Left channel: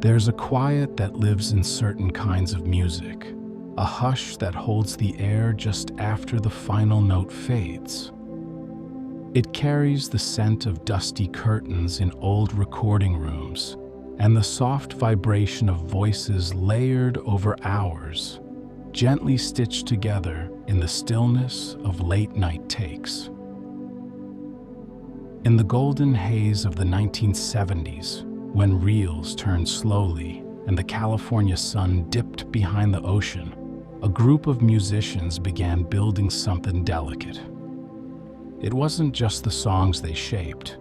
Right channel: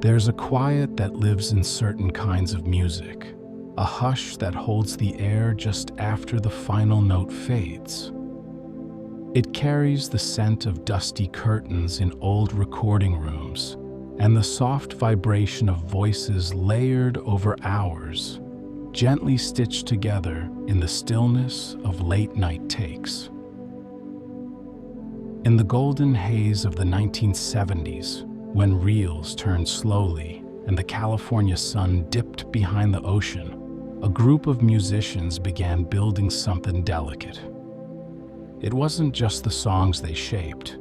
There's a quiet that lives in certain kinds of music, a hush that holds the air just after the final note fades. It carries the scent of dusty curtains in old recording rooms and the soft vibration of voices layered over hours, gently stitched together in the stillness of late-night takes. In the golden haze of the 1970s, when reels turned slowly and the California sun dipped behind the ocean, a group of musicians began building something delicate. It wasn't just the songs they shaped,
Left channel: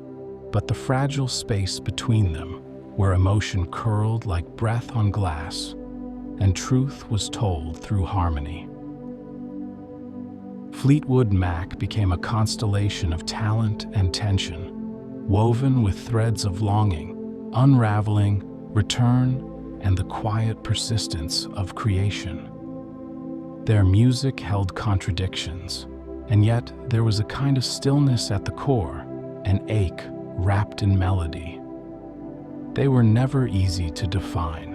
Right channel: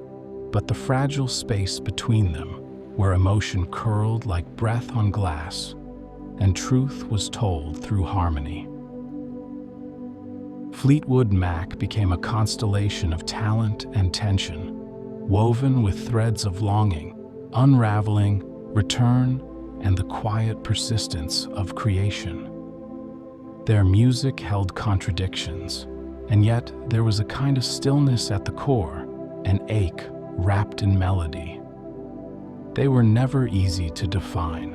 but the fragile space between them, where emotion curled like breath on glass and truth was told through harmony. Fleetwood Mac became a constellation of talent and tension, woven with threads of longing, unraveling, return, and the quiet persistence of creation. Their music held contradictions, and yet there was a kind of stillness at the core, an ache wrapped in melody. They were never easy to define.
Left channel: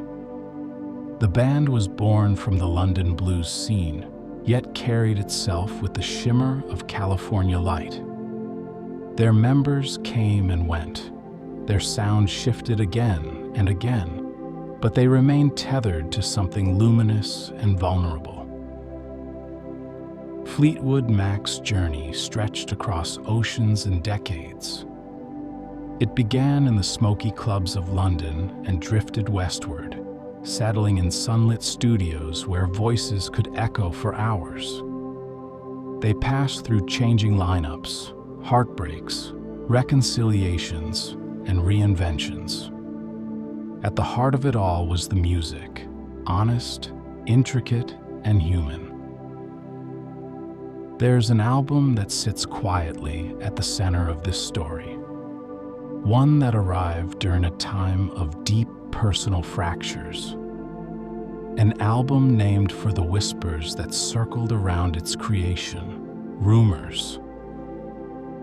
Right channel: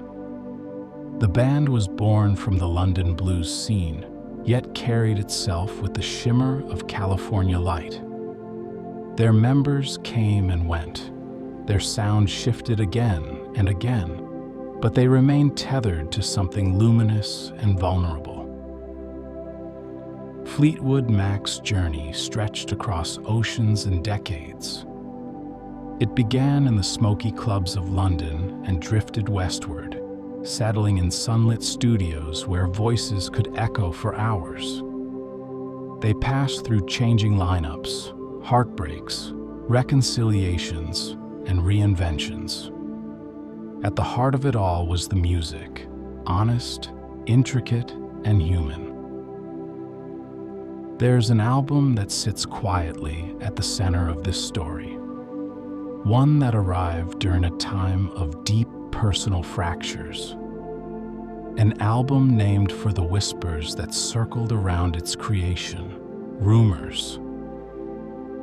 The band was born from the London blues scene, yet carried itself with the shimmer of California light. Their members came and went. Their sound shifted again and again, but they remained tethered to something luminous and vulnerable. Fleetwood Mac's journey stretched across oceans and decades. It began in the smoky clubs of London and drifted westward, settling in sunlit studios where voices could echo for hours. They passed through changing lineups, heartbreaks, reconciliations, and reinventions. At the heart of it all was the music, honest, intricate, and human. There's an album that sits quietly at the center of this story, one that arrived during a time of deep personal fractures. An album named for the whispers that circled around its creation, Rumours.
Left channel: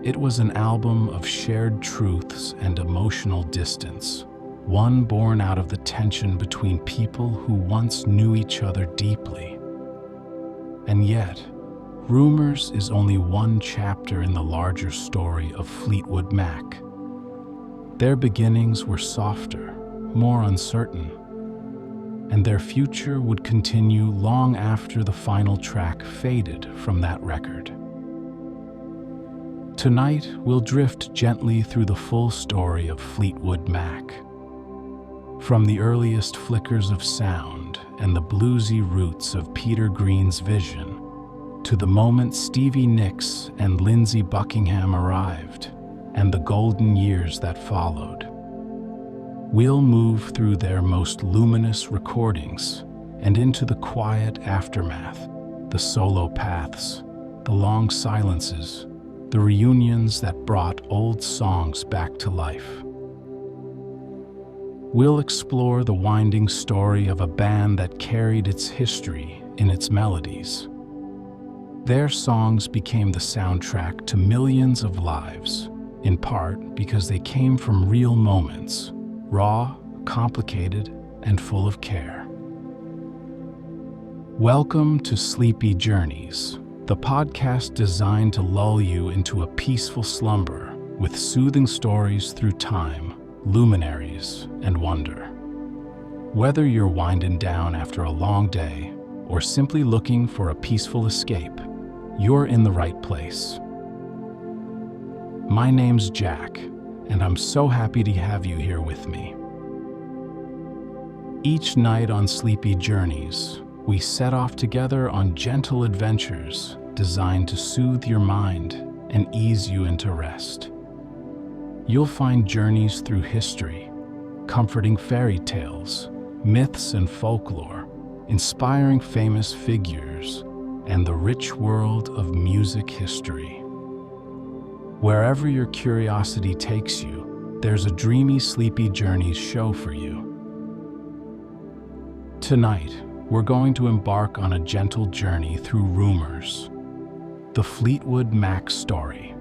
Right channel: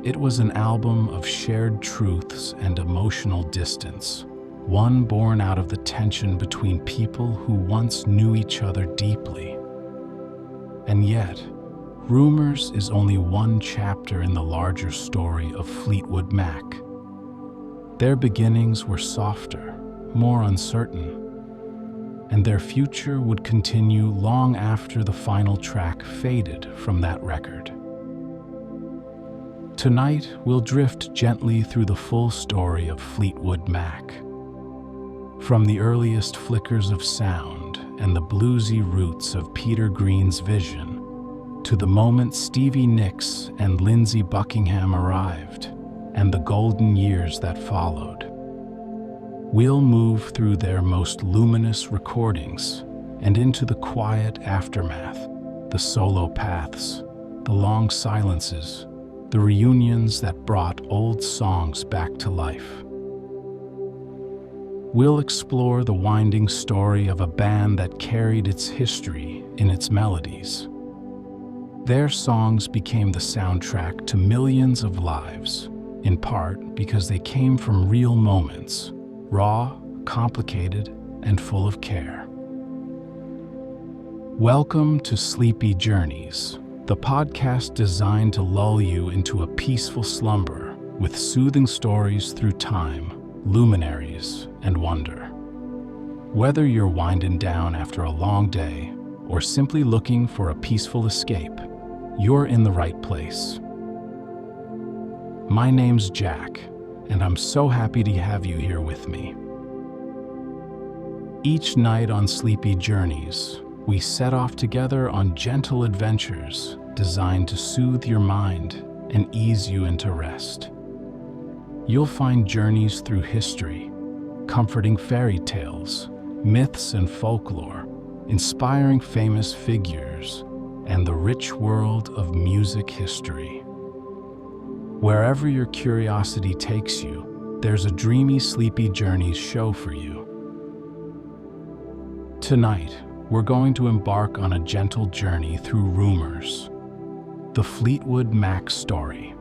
It was an album of shared truths and emotional distance, one born out of the tension between people who once knew each other deeply. And yet, Rumours is only one chapter in the larger story of Fleetwood Mac. Their beginnings were softer, more uncertain, and their future would continue long after the final track faded from that record. Tonight, we'll drift gently through the full story of Fleetwood Mac. From the earliest flickers of sound and the bluesy roots of Peter Green's vision, to the moment Stevie Nicks and Lindsey Buckingham arrived, and the golden years that followed. We'll move through their most luminous recordings and into the quiet aftermath, the solo paths, the long silences, the reunions that brought old songs back to life. We'll explore the winding story of a band that carried its history in its melodies. Their songs became the soundtrack to millions of lives, in part because they came from real moments, raw, complicated, and full of care. Welcome to Sleepy Journeys, the podcast designed to lull you into a peaceful slumber with soothing stories through time, luminaries, and wonder. Whether you're winding down after a long day or simply looking for a peaceful escape, you're in the right place. My name's Jack, and I'm so happy to have you here with me. Each night on Sleepy Journeys, we set off together on gentle adventures designed to soothe your mind and ease you into rest. You'll find journeys through history, comforting fairy tales, myths and folklore, inspiring famous figures, and the rich world of music history. Wherever your curiosity takes you, there's a dreamy Sleepy Journeys show for you. Tonight, we're going to embark on a gentle journey through Rumours, the Fleetwood Mac story.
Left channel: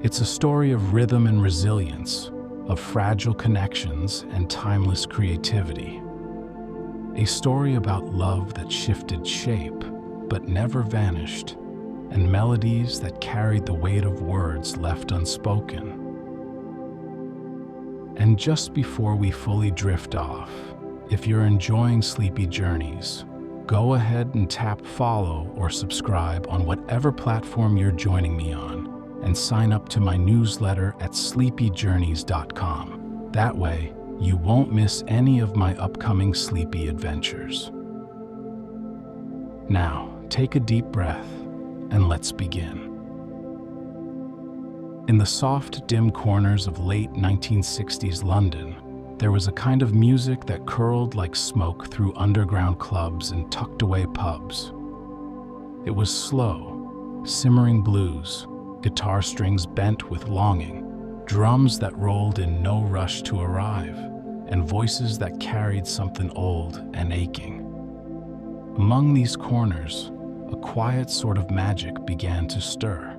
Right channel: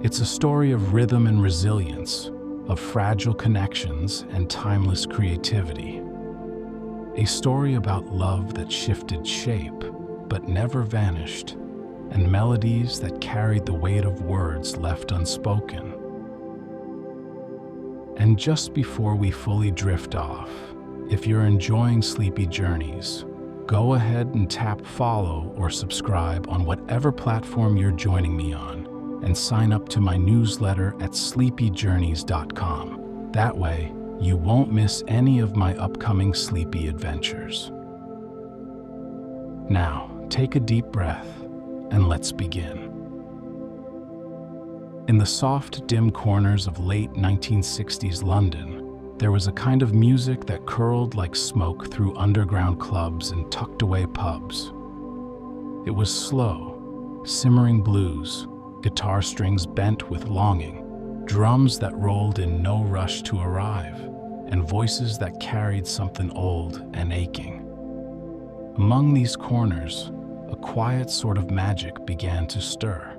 It's a story of rhythm and resilience, of fragile connections and timeless creativity. A story about love that shifted shape but never vanished, and melodies that carried the weight of words left unspoken. And just before we fully drift off, if you're enjoying Sleepy Journeys, go ahead and tap follow or subscribe on whatever platform you're joining me on, and sign up to my newsletter at sleepyjourneys.com. That way, you won't miss any of my upcoming sleepy adventures. Now, take a deep breath and let's begin. In the soft, dim corners of late 1960s London, there was a kind of music that curled like smoke through underground clubs and tucked-away pubs. It was slow, simmering blues, guitar strings bent with longing, drums that rolled in no rush to arrive, and voices that carried something old and aching. Among these corners, a quiet sort of magic began to stir.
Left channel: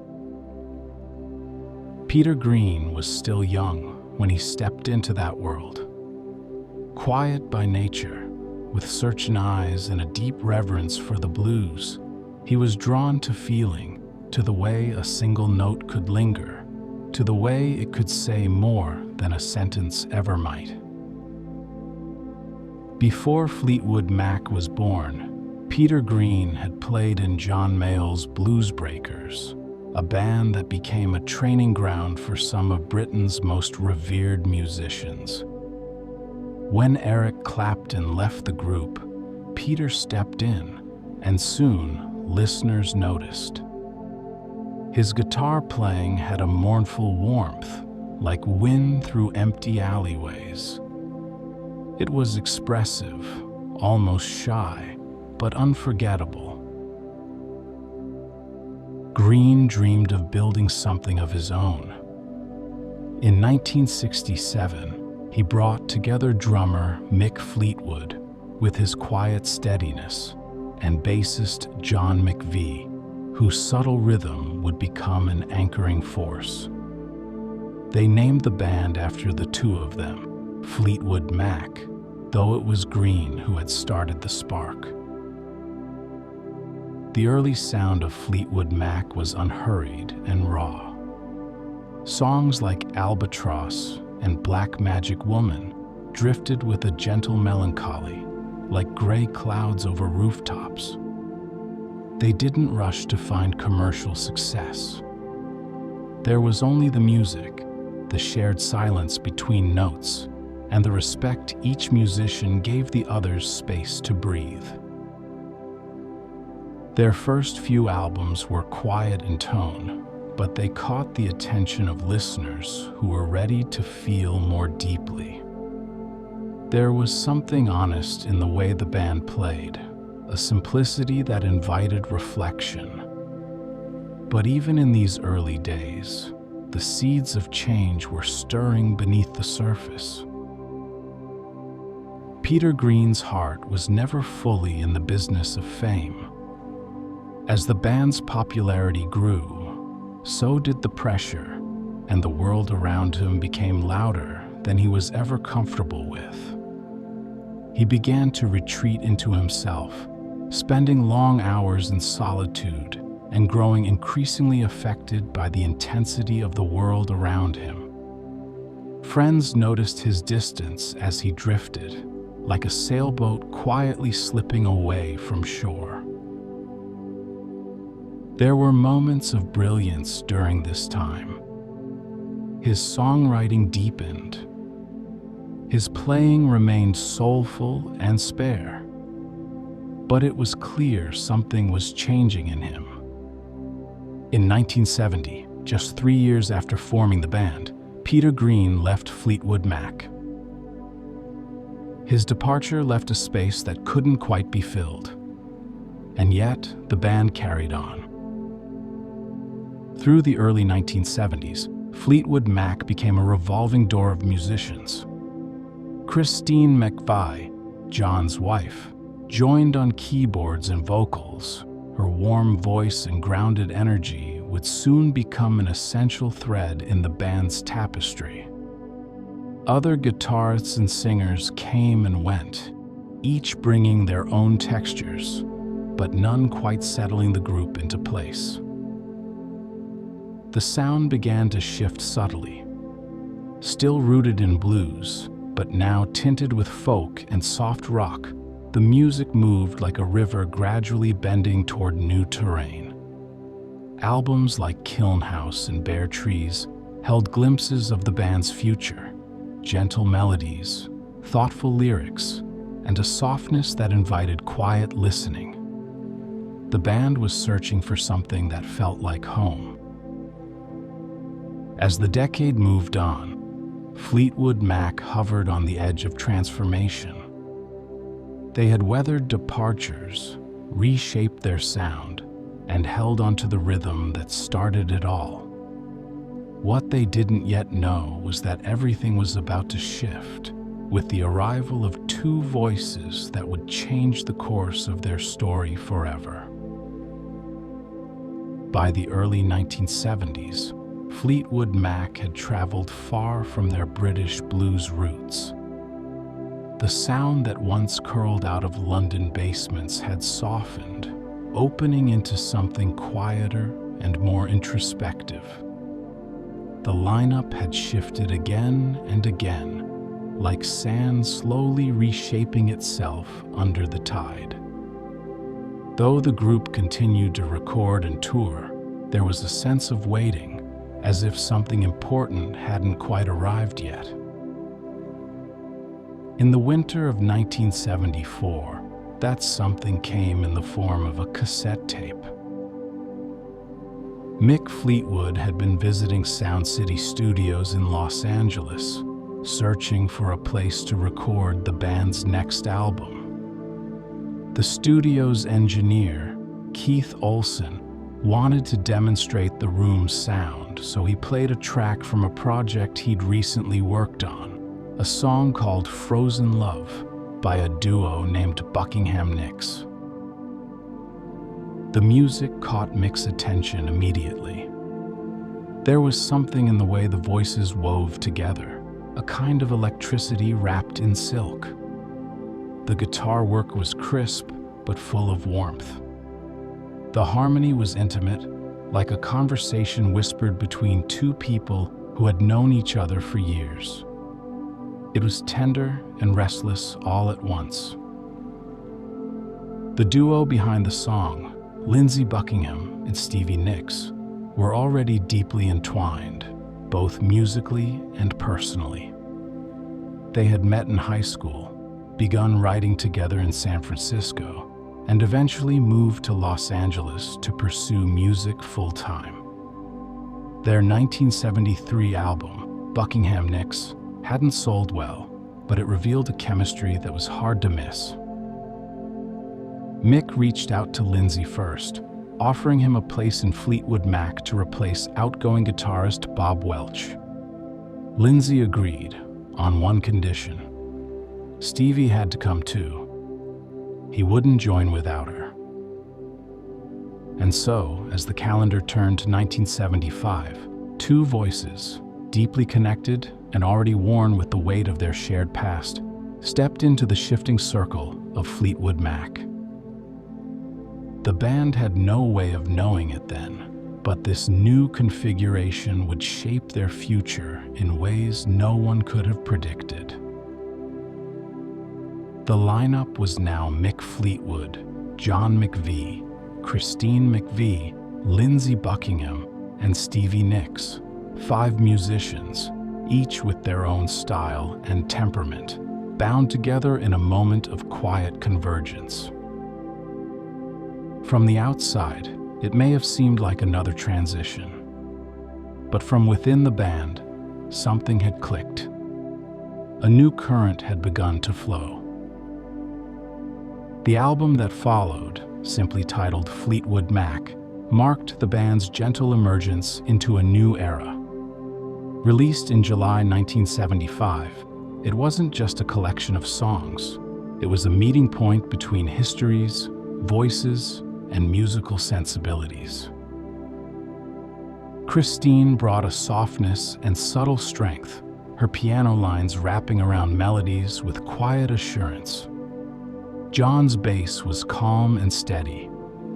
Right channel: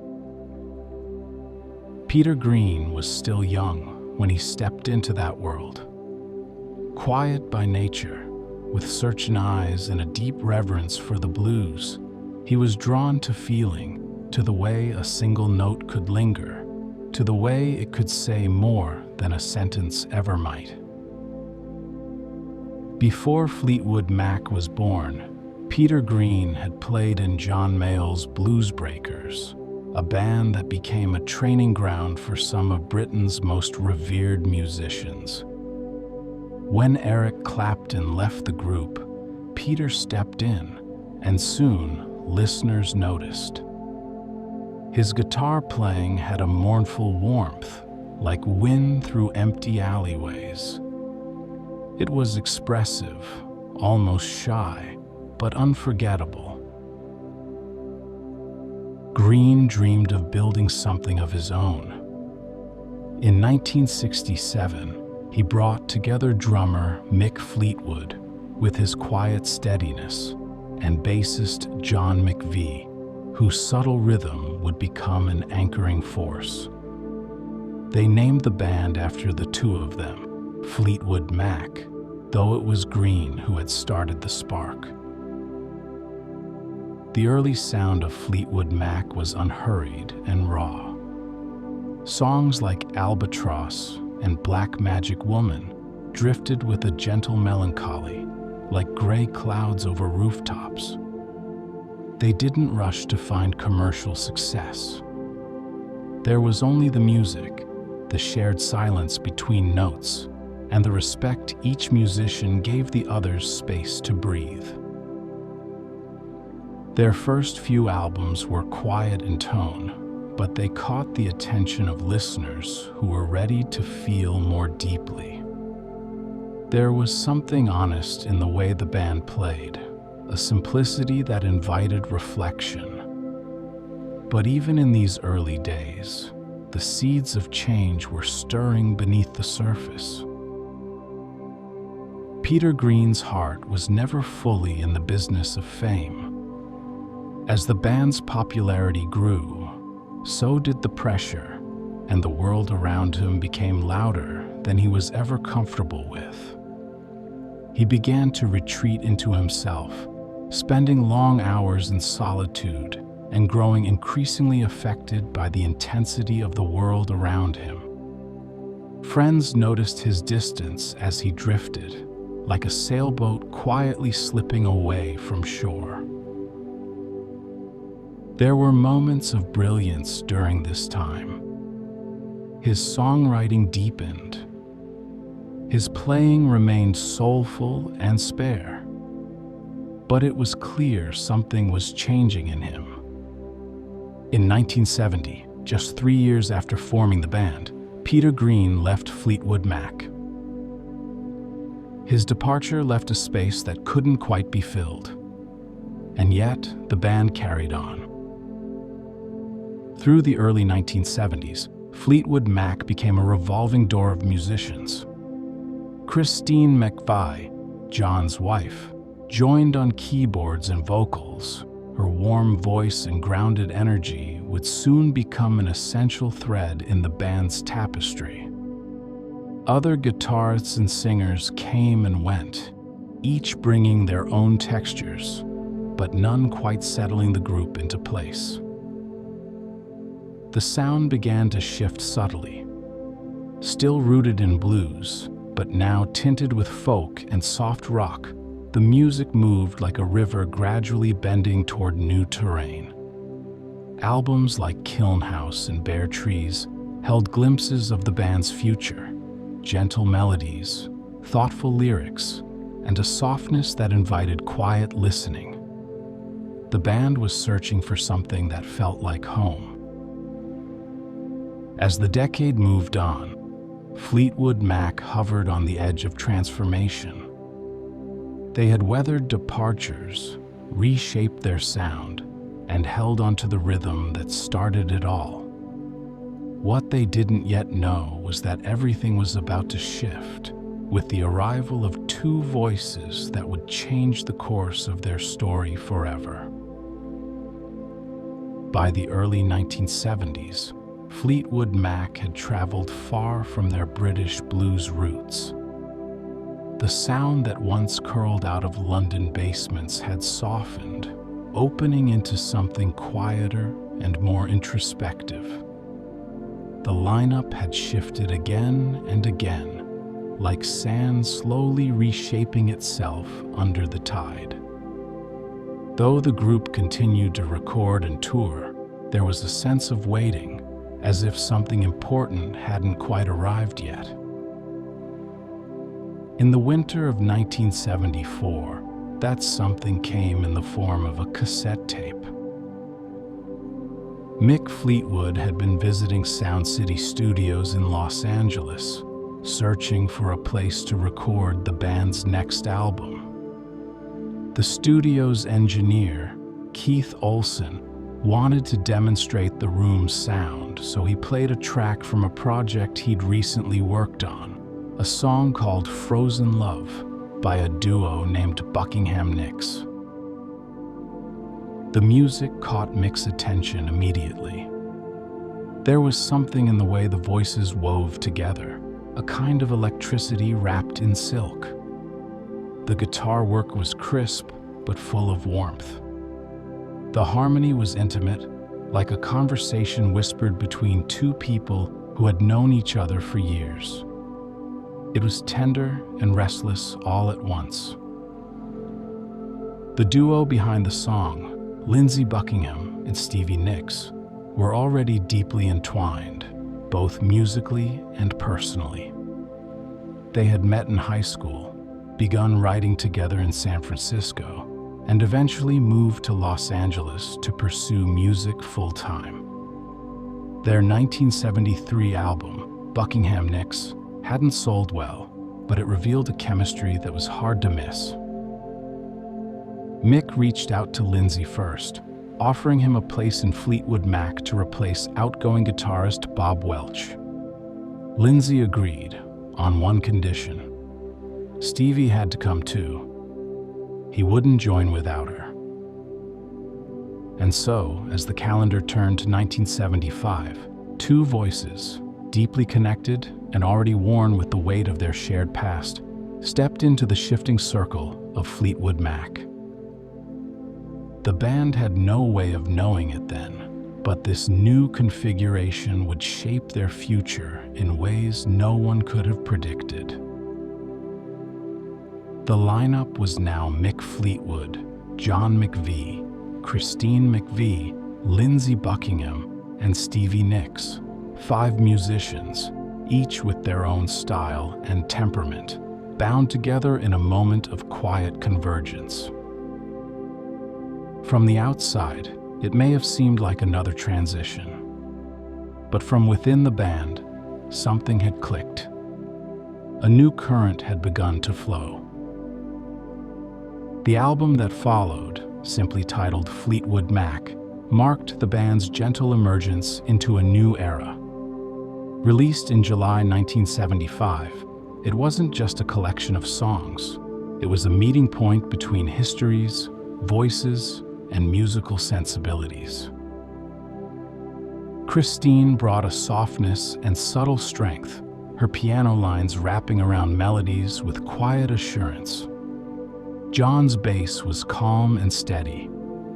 Peter Green was still young when he stepped into that world. Quiet by nature, with searching eyes and a deep reverence for the blues, he was drawn to feeling, to the way a single note could linger, to the way it could say more than a sentence ever might. Before Fleetwood Mac was born, Peter Green had played in John Mayall's Blues Breakers, a band that became a training ground for some of Britain's most revered musicians. When Eric Clapton left the group, Peter stepped in, and soon listeners noticed. His guitar playing had a mournful warmth, like wind through empty alleyways. It was expressive, almost shy, but unforgettable. Green dreamed of building something of his own. In 1967, he brought together drummer Mick Fleetwood with his quiet steadiness and bassist John McVie, whose subtle rhythm would become an anchoring force. They named the band after the two of them, Fleetwood Mac, though it was Green who had started the spark. The early sound of Fleetwood Mac was unhurried and raw. Songs like Albatross and Black Magic Woman drifted with a gentle melancholy, like gray clouds over rooftops. They didn't rush to find commercial success. There was only the music, the shared silence between notes, and the respect each musician gave the others space to breathe. Their first few albums were quiet in tone, but they caught the attention of listeners who were ready to feel more deeply. There was something honest in the way the band played, a simplicity that invited reflection. But even in these early days, the seeds of change were stirring beneath the surface. Peter Green's heart was never fully in the business of fame. As the band's popularity grew, so did the pressure, and the world around him became louder than he was ever comfortable with. He began to retreat into himself, spending long hours in solitude and growing increasingly affected by the intensity of the world around him. Friends noticed his distance as he drifted, like a sailboat quietly slipping away from shore. There were moments of brilliance during this time. His songwriting deepened. His playing remained soulful and spare. But it was clear something was changing in him. In 1970, just 3 years after forming the band, Peter Green left Fleetwood Mac. His departure left a space that couldn't quite be filled. And yet, the band carried on. Through the early 1970s, Fleetwood Mac became a revolving door of musicians. Christine McVie, John's wife, joined on keyboards and vocals. Her warm voice and grounded energy would soon become an essential thread in the band's tapestry. Other guitarists and singers came and went, each bringing their own textures, but none quite settling the group into place. The sound began to shift subtly, still rooted in blues, but now tinted with folk and soft rock. The music moved like a river gradually bending toward new terrain. Albums like Kiln House and Bare Trees held glimpses of the band's future, gentle melodies, thoughtful lyrics, and a softness that invited quiet listening. The band was searching for something that felt like home. As the decade moved on, Fleetwood Mac hovered on the edge of transformation. They had weathered departures, reshaped their sound, and held onto the rhythm that started it all. What they didn't yet know was that everything was about to shift with the arrival of two voices that would change the course of their story forever. By the early 1970s, Fleetwood Mac had traveled far from their British blues roots. The sound that once curled out of London basements had softened, opening into something quieter and more introspective. The lineup had shifted again and again, like sand slowly reshaping itself under the tide. Though the group continued to record and tour, there was a sense of waiting, as if something important hadn't quite arrived yet. In the winter of 1974, that something came in the form of a cassette tape. Mick Fleetwood had been visiting Sound City Studios in Los Angeles, searching for a place to record the band's next album. The studio's engineer, Keith Olsen, wanted to demonstrate the room's sound, so he played a track from a project he'd recently worked on, a song called Frozen Love by a duo named Buckingham. The music caught Mick's attention immediately. There was something in the way the voices wove together, a kind of electricity wrapped in silk. The guitar work was crisp, but full of warmth. The harmony was intimate, like a conversation whispered between two people who had known each other for years. It was tender and restless all at once. The duo behind the song, Lindsey Buckingham and Stevie Nicks, were already deeply entwined, both musically and personally. They had met in high school, begun writing together in San Francisco, and eventually moved to Los Angeles to pursue music full-time. Their 1973 album, Buckingham Nicks, hadn't sold well, but it revealed a chemistry that was hard to miss. Mick reached out to Lindsey first, offering him a place in Fleetwood Mac to replace outgoing guitarist Bob Welch. Lindsey agreed, on one condition. Stevie had to come too. He wouldn't join without her. And so, as the calendar turned to 1975, two voices, deeply connected and already worn with the weight of their shared past, stepped into the shifting circle of Fleetwood Mac. The band had no way of knowing it then, but this new configuration would shape their future in ways no one could have predicted. The lineup was now Mick Fleetwood, John McVie, Christine McVie, Lindsey Buckingham, and Stevie Nicks, 5 musicians, each with their own style and temperament, bound together in a moment of quiet convergence. From the outside, it may have seemed like another transition. But from within the band, something had clicked. A new current had begun to flow. The album that followed, simply titled Fleetwood Mac, marked the band's gentle emergence into a new era. Released in July 1975, it wasn't just a collection of songs. It was a meeting point between histories, voices, and musical sensibilities. Christine brought a softness and subtle strength, her piano lines wrapping around melodies with quiet assurance. John's bass was calm and steady,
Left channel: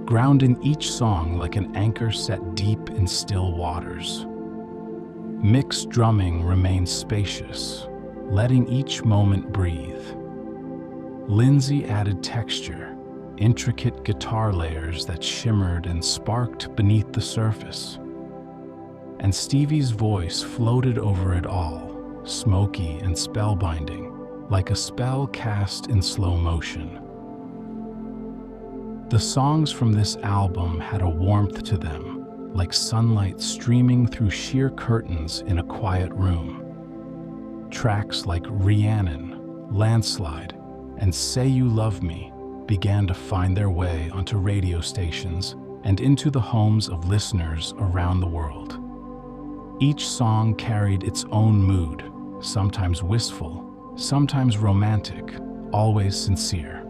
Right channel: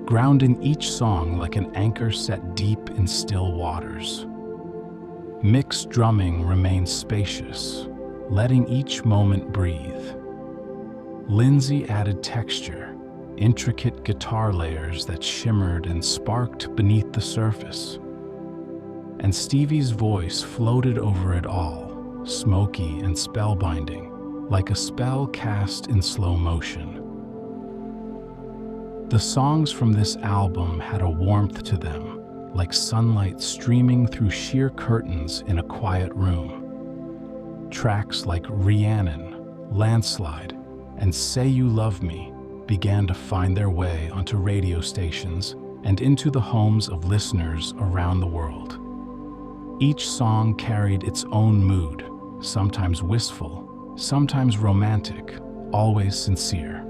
grounding each song like an anchor set deep in still waters. Mick's drumming remained spacious, letting each moment breathe. Lindsey added texture, intricate guitar layers that shimmered and sparked beneath the surface. And Stevie's voice floated over it all, smoky and spellbinding, like a spell cast in slow motion. The songs from this album had a warmth to them, like sunlight streaming through sheer curtains in a quiet room. Tracks like Rhiannon, Landslide, and Say You Love Me began to find their way onto radio stations and into the homes of listeners around the world. Each song carried its own mood, sometimes wistful, sometimes romantic, always sincere.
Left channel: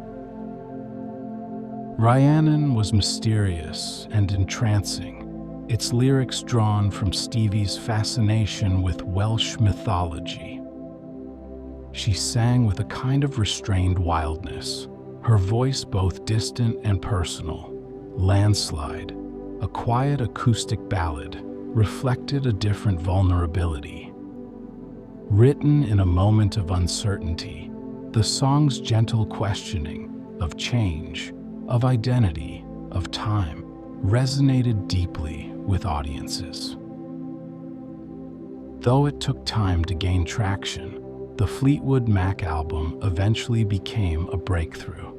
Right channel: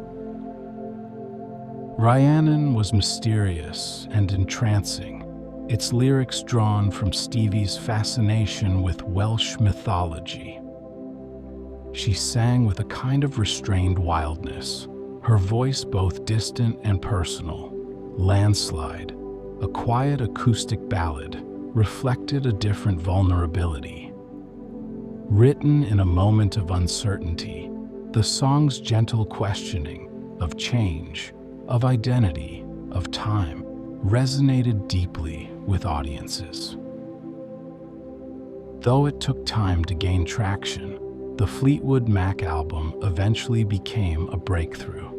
Rhiannon was mysterious and entrancing, its lyrics drawn from Stevie's fascination with Welsh mythology. She sang with a kind of restrained wildness, her voice both distant and personal. Landslide, a quiet acoustic ballad, reflected a different vulnerability. Written in a moment of uncertainty, the song's gentle questioning of change, of identity, of time, resonated deeply with audiences. Though it took time to gain traction, the Fleetwood Mac album eventually became a breakthrough.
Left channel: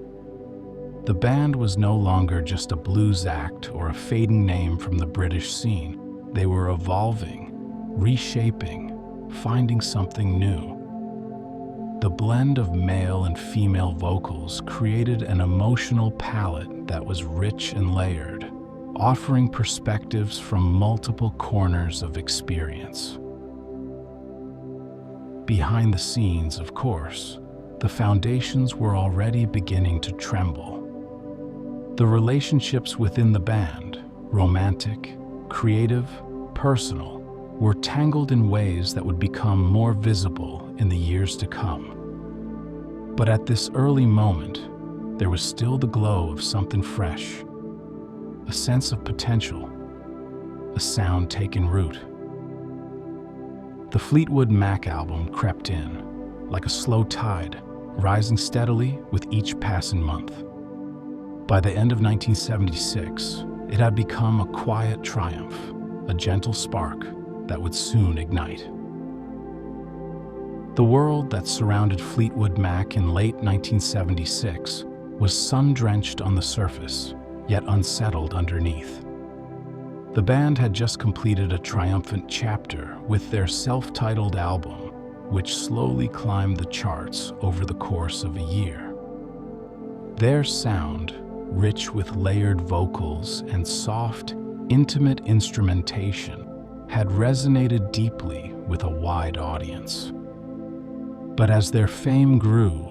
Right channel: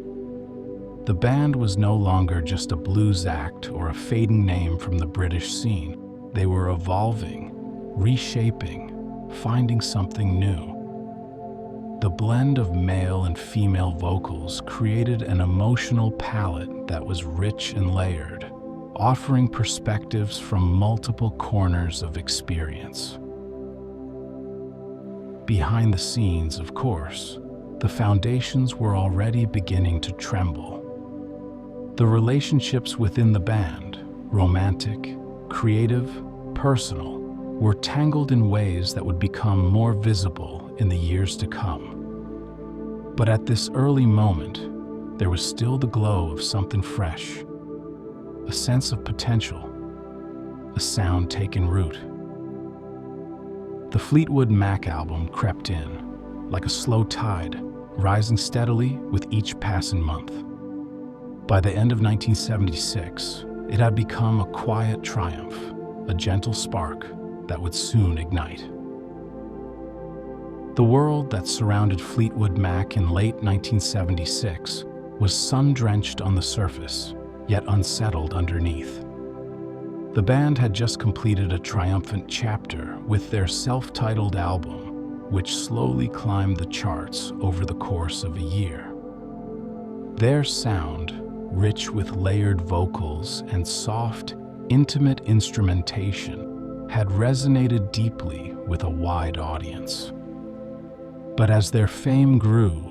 The band was no longer just a blues act or a fading name from the British scene. They were evolving, reshaping, finding something new. The blend of male and female vocals created an emotional palette that was rich and layered, offering perspectives from multiple corners of experience. Behind the scenes, of course, the foundations were already beginning to tremble. The relationships within the band, romantic, creative, personal, were tangled in ways that would become more visible in the years to come. But at this early moment, there was still the glow of something fresh, a sense of potential, a sound taking root. The Fleetwood Mac album crept in, like a slow tide, rising steadily with each passing month. By the end of 1976, it had become a quiet triumph, a gentle spark that would soon ignite. The world that surrounded Fleetwood Mac in late 1976 was sun-drenched on the surface, yet unsettled underneath. The band had just completed a triumphant chapter with their self-titled album, which slowly climbed the charts over the course of a year. Their sound, rich with layered vocals and soft, intimate instrumentation, had resonated deeply with a wide audience. But as their fame grew,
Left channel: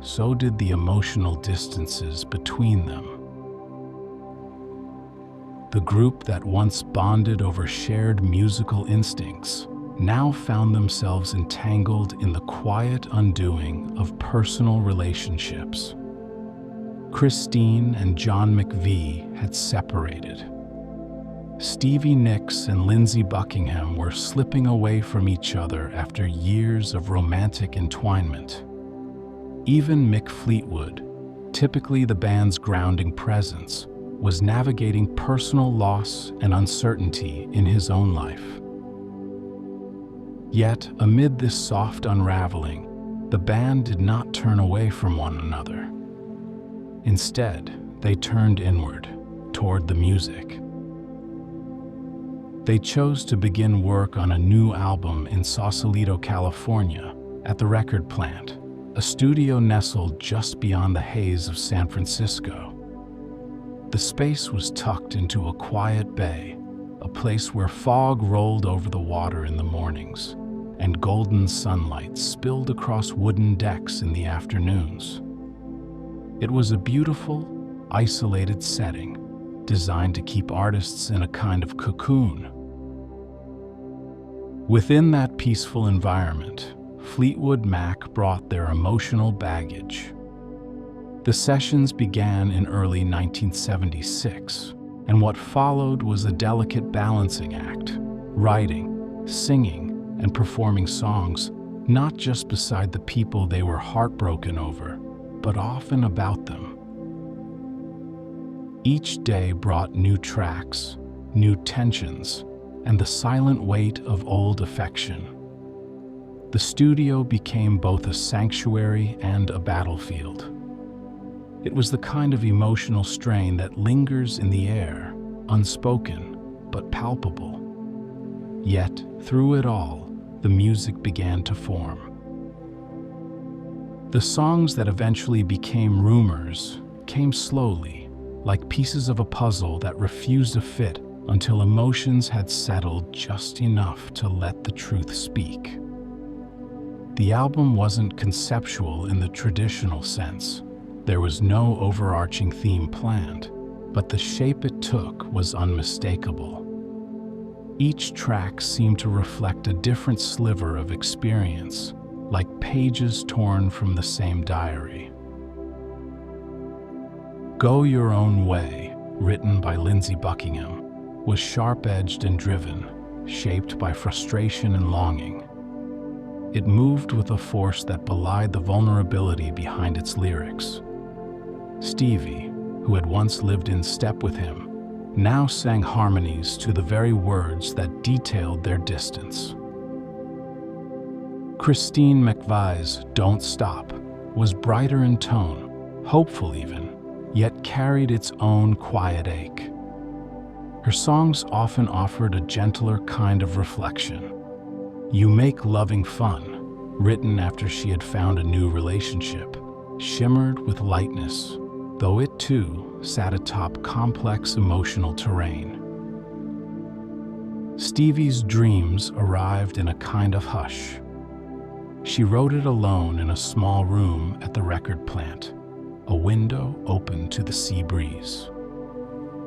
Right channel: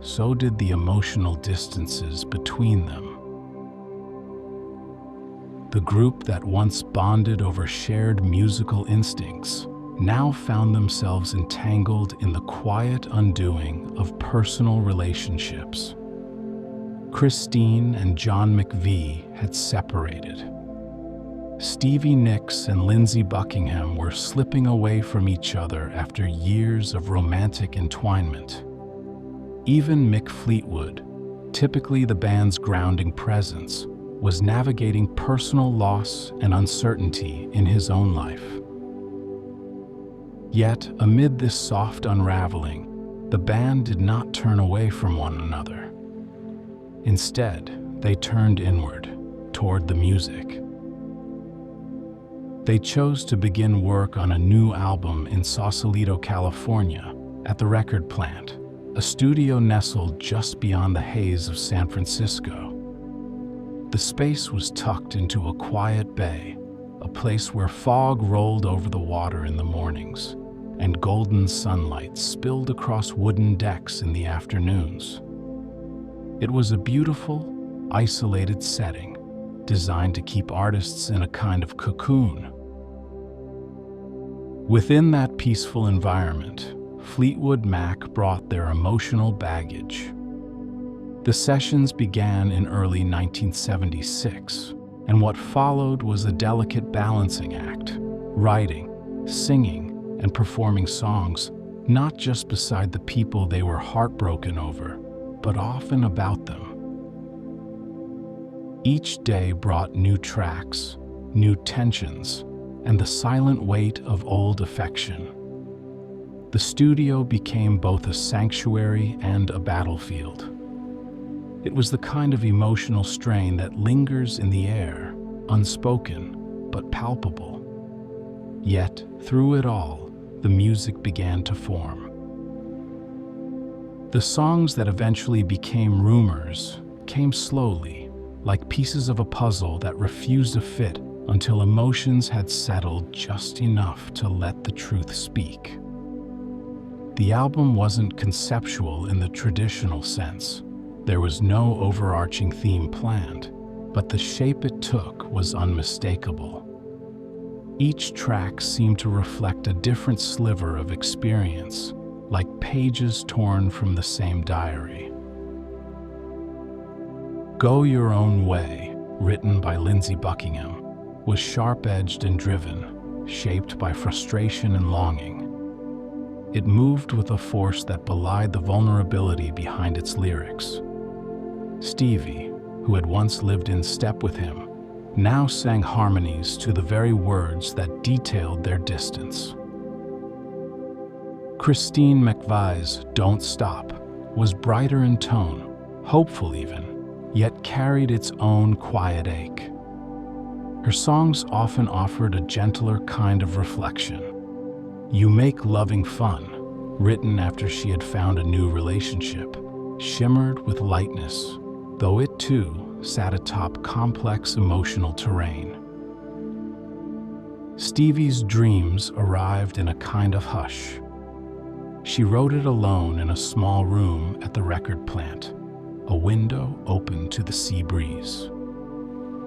so did the emotional distances between them. The group that once bonded over shared musical instincts now found themselves entangled in the quiet undoing of personal relationships. Christine and John McVie had separated. Stevie Nicks and Lindsey Buckingham were slipping away from each other after years of romantic entwinement. Even Mick Fleetwood, typically the band's grounding presence, was navigating personal loss and uncertainty in his own life. Yet, amid this soft unraveling, the band did not turn away from one another. Instead, they turned inward, toward the music. They chose to begin work on a new album in Sausalito, California, at the record plant, a studio nestled just beyond the haze of San Francisco. The space was tucked into a quiet bay, a place where fog rolled over the water in the mornings, and golden sunlight spilled across wooden decks in the afternoons. It was a beautiful, isolated setting, designed to keep artists in a kind of cocoon. Within that peaceful environment, Fleetwood Mac brought their emotional baggage. The sessions began in early 1976, and what followed was a delicate balancing act, writing, singing, and performing songs not just beside the people they were heartbroken over, but often about them. Each day brought new tracks, new tensions, and the silent weight of old affection. The studio became both a sanctuary and a battlefield. It was the kind of emotional strain that lingers in the air, unspoken but palpable. Yet, through it all, the music began to form. The songs that eventually became Rumours came slowly, like pieces of a puzzle that refused to fit until emotions had settled just enough to let the truth speak. The album wasn't conceptual in the traditional sense. There was no overarching theme planned, but the shape it took was unmistakable. Each track seemed to reflect a different sliver of experience, like pages torn from the same diary. Go Your Own Way, written by Lindsey Buckingham, was sharp-edged and driven, shaped by frustration and longing. It moved with a force that belied the vulnerability behind its lyrics. Stevie, who had once lived in step with him, now sang harmonies to the very words that detailed their distance. Christine McVie's Don't Stop was brighter in tone, hopeful even, yet carried its own quiet ache. Her songs often offered a gentler kind of reflection. You Make Loving Fun, written after she had found a new relationship, shimmered with lightness, though it too sat atop complex emotional terrain. Stevie's Dreams arrived in a kind of hush. She wrote it alone in a small room at the record plant, a window open to the sea breeze.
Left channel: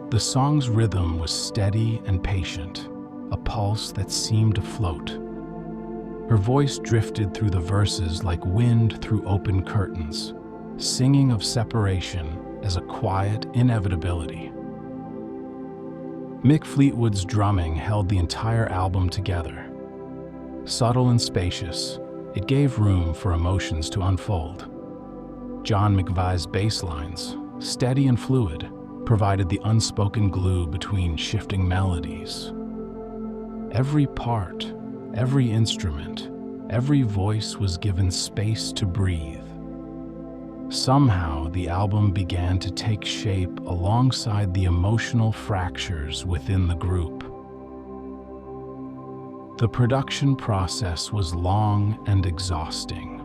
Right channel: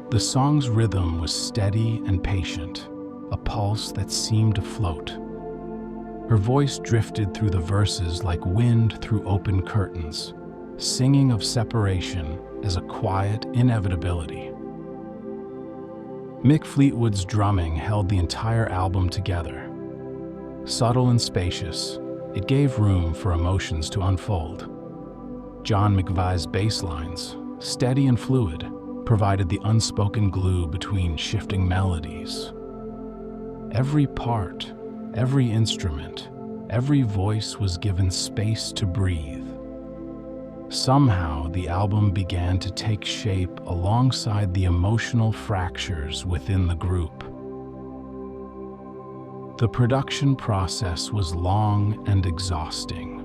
The song's rhythm was steady and patient, a pulse that seemed to float. Her voice drifted through the verses like wind through open curtains, singing of separation as a quiet inevitability. Mick Fleetwood's drumming held the entire album together. Subtle and spacious, it gave room for emotions to unfold. John McVie's bass lines, steady and fluid, provided the unspoken glue between shifting melodies. Every part, every instrument, every voice was given space to breathe. Somehow, the album began to take shape alongside the emotional fractures within the group. The production process was long and exhausting.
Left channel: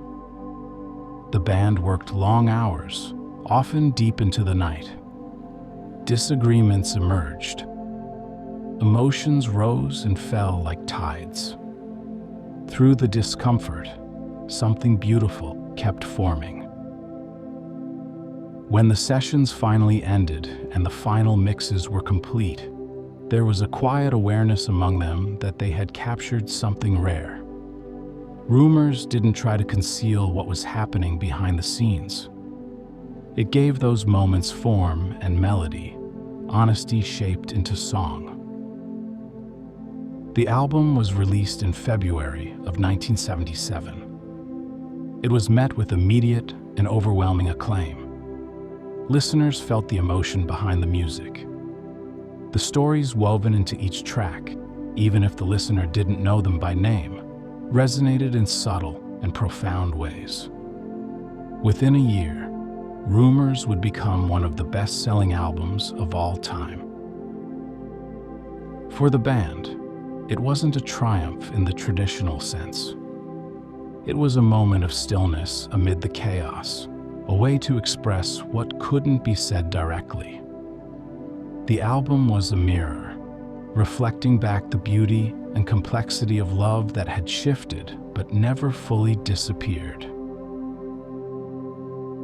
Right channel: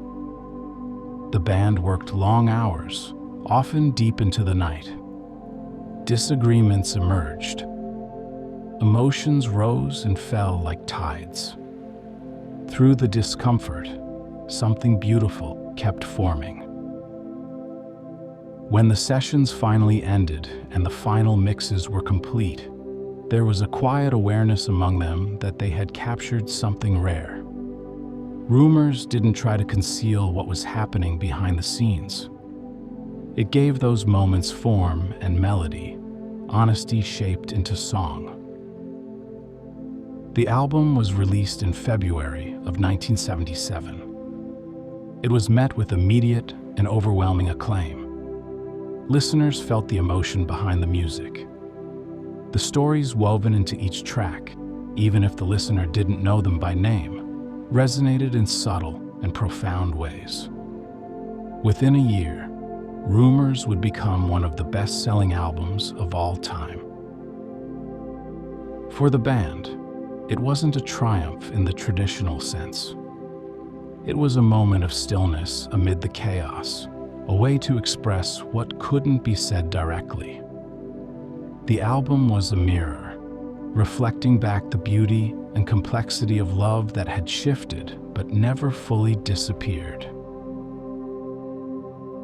The band worked long hours, often deep into the night. Disagreements emerged. Emotions rose and fell like tides. Through the discomfort, something beautiful kept forming. When the sessions finally ended and the final mixes were complete, there was a quiet awareness among them that they had captured something rare. Rumours didn't try to conceal what was happening behind the scenes. It gave those moments form and melody, honesty shaped into song. The album was released in February of 1977. It was met with immediate and overwhelming acclaim. Listeners felt the emotion behind the music. The stories woven into each track, even if the listener didn't know them by name, resonated in subtle and profound ways. Within a year, Rumours would become one of the best-selling albums of all time. For the band, it wasn't a triumph in the traditional sense. It was a moment of stillness amid the chaos, a way to express what couldn't be said directly. The album was a mirror, reflecting back the beauty and complexity of love that had shifted but never fully disappeared.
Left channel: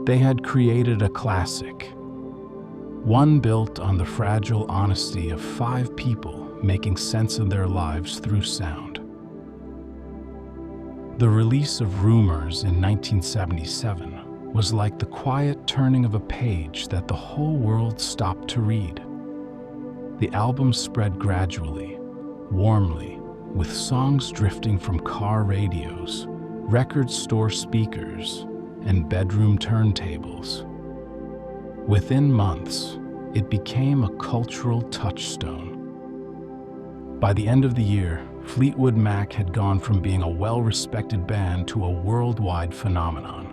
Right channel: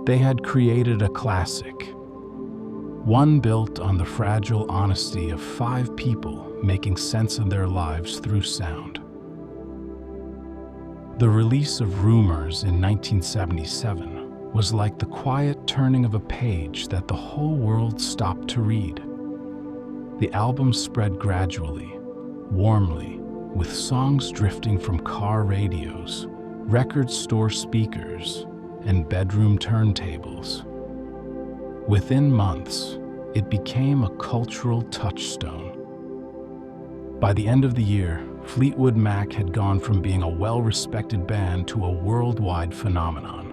They had created a classic, one built on the fragile honesty of 5 people making sense of their lives through sound. The release of Rumours in 1977 was like the quiet turning of a page that the whole world stopped to read. The album spread gradually, warmly, with songs drifting from car radios, record store speakers, and bedroom turntables. Within months, it became a cultural touchstone. By the end of the year, Fleetwood Mac had gone from being a well-respected band to a worldwide phenomenon.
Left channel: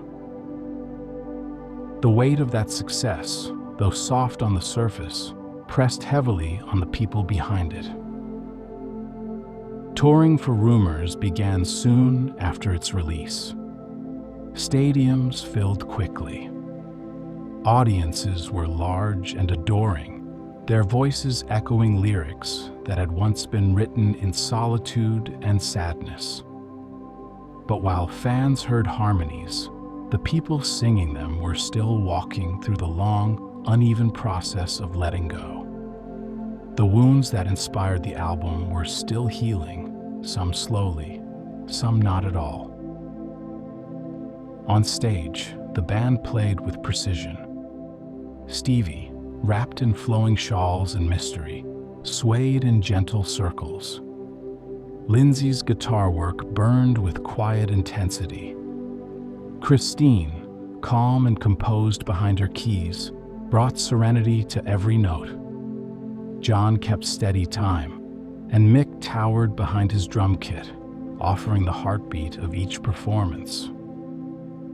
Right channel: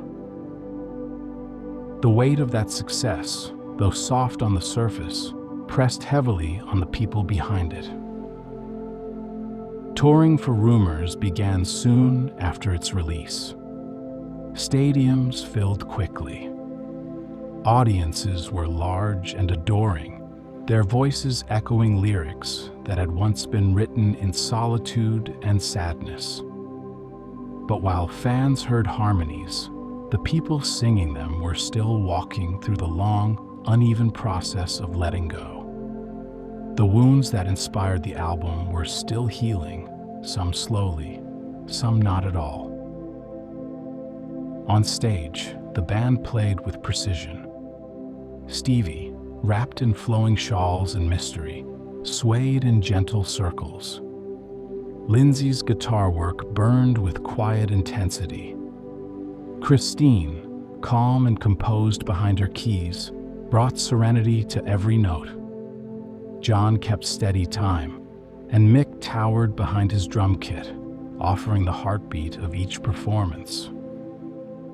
The weight of that success, though soft on the surface, pressed heavily on the people behind it. Touring for Rumours began soon after its release. Stadiums filled quickly. Audiences were large and adoring, their voices echoing lyrics that had once been written in solitude and sadness. But while fans heard harmonies, the people singing them were still walking through the long, uneven process of letting go. The wounds that inspired the album were still healing, some slowly, some not at all. On stage, the band played with precision. Stevie, wrapped in flowing shawls and mystery, swayed in gentle circles. Lindsey's guitar work burned with quiet intensity. Christine, calm and composed behind her keys, brought serenity to every note. John kept steady time, and Mick towered behind his drum kit, offering the heartbeat of each performance.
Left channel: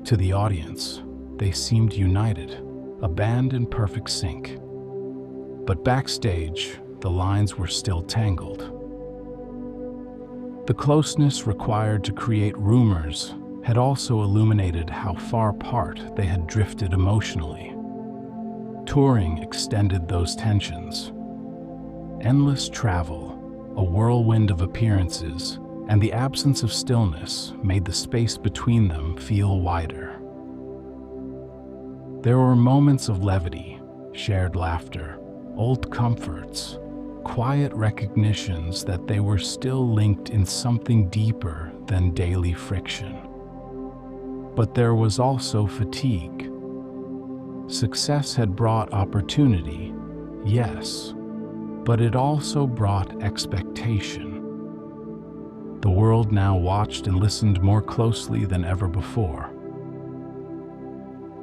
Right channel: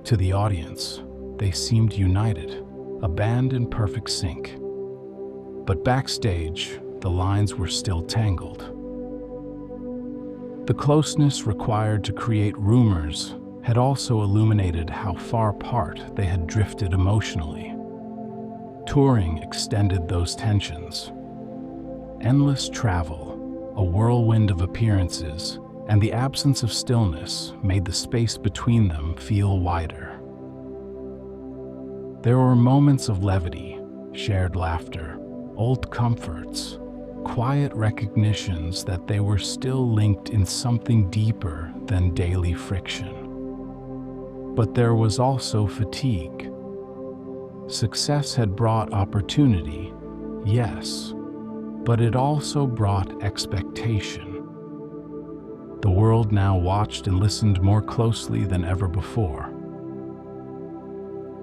To the audience, they seemed united, a band in perfect sync. But backstage, the lines were still tangled. The closeness required to create Rumours had also illuminated how far apart they had drifted emotionally. Touring extended those tensions. Endless travel, a whirlwind of appearances, and the absence of stillness made the space between them feel wider. There were moments of levity, shared laughter, old comforts, quiet recognitions that they were still linked in something deeper than daily friction. But there was also fatigue. Success had brought opportunity, yes, but it also brought expectation. The world now watched and listened more closely than ever before.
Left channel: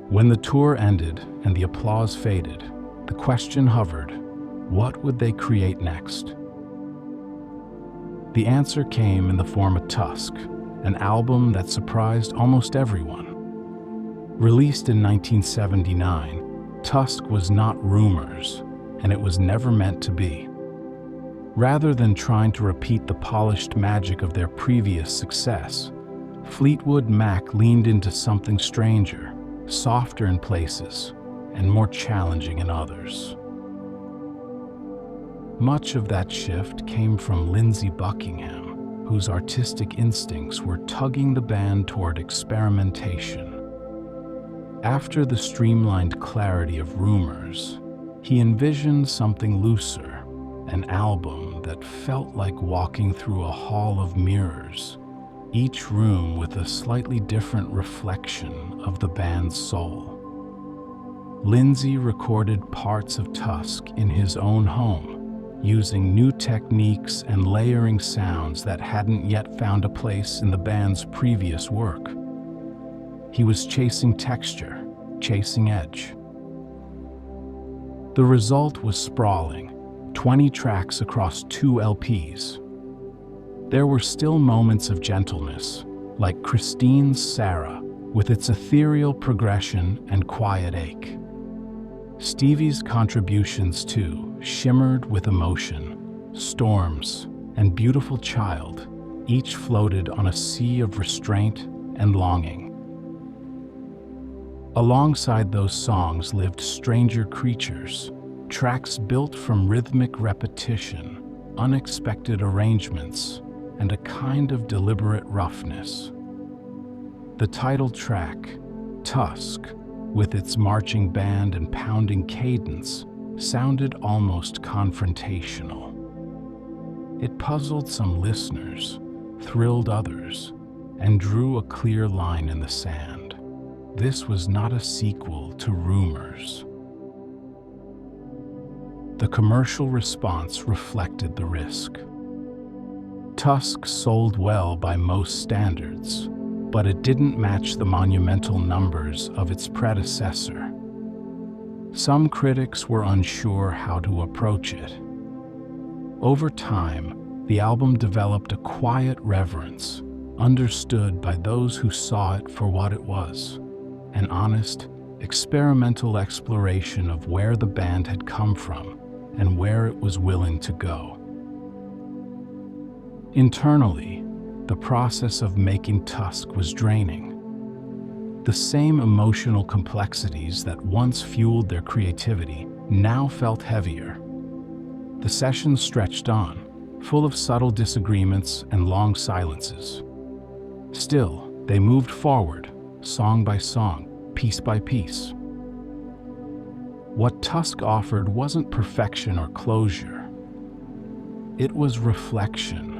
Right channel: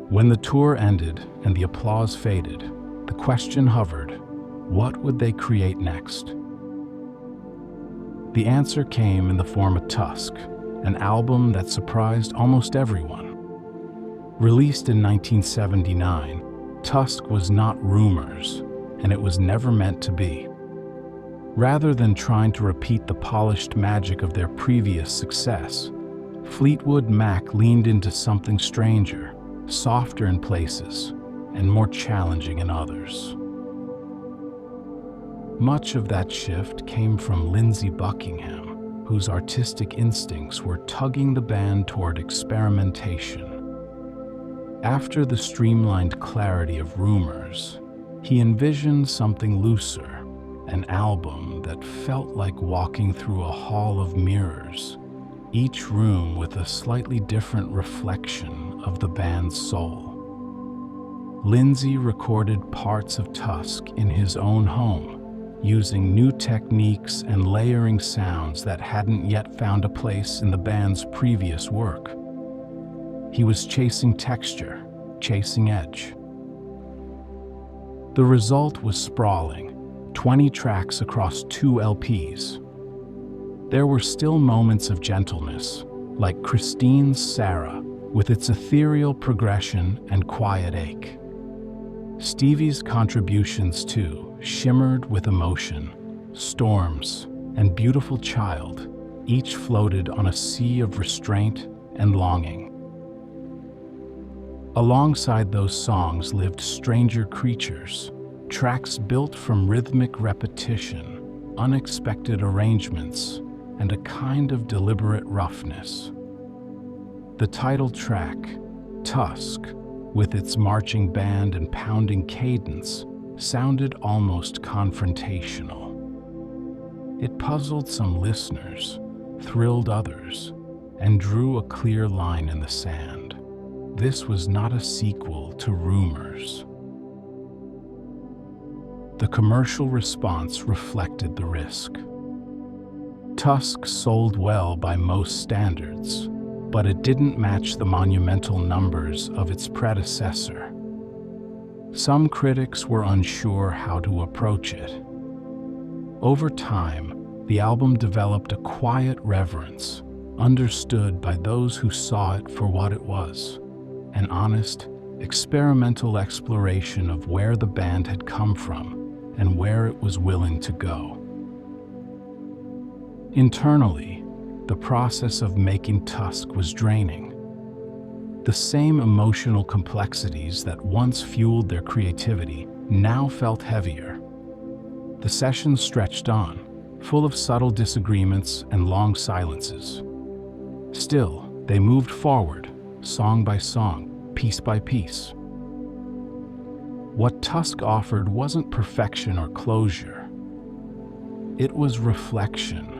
When the tour ended and the applause faded, the question hovered, what would they create next? The answer came in the form of Tusk, an album that surprised almost everyone. Released in 1979, Tusk was not Rumours, and it was never meant to be. Rather than trying to repeat the polished magic of their previous success, Fleetwood Mac leaned into something stranger, softer in places, and more challenging in others. Much of that shift came from Lindsey Buckingham, whose artistic instincts were tugging the band toward experimentation. After the streamlined clarity of Rumours, he envisioned something looser, an album that felt like walking through a hall of mirrors, each room with a slightly different reflection of the band's soul. Lindsey recorded parts of Tusk in his own home, using new techniques and layering sounds that hadn't yet found a place in the band's previous work. He was chasing texture, chasing edge. The result was sprawling, 20 tracks across 2 LPs. There were still moments of gentleness, like Christine's Sarah, with its ethereal progression and quiet ache. Stevie's contributions, too, shimmered with emotion. Storms and Beautiful Child each floated on a sea of restraint and longing. Alongside those songs lived Stranger Creatures, tracks built from rhythmic repetition, unexpected arrangements, and a kind of deliberate roughness. The title track, Tusk, with its marching band and pounding cadence, sounded almost confrontational. It puzzled some listeners, thrilled others, and drew a clear line in the sand. This was not a sequel to Rumours. The commercial response reflected the risk. Tusk sold well by most standards, but it didn't match the monumental numbers of its predecessor. Some critics were unsure how to approach it. Over time, the album developed a quiet reverence, understood by those who saw it for what it was, an honest, experimental exploration of where the band had come from and where it was willing to go. Internally, the process of making Tusk was draining. The same emotional complexities that once fueled their creativity now felt heavier. The sessions stretched on, full of subtle disagreements and long silences. Still, they moved forward, song by song, piece by piece. What Tusk offered wasn't perfection or closure. It was reflection,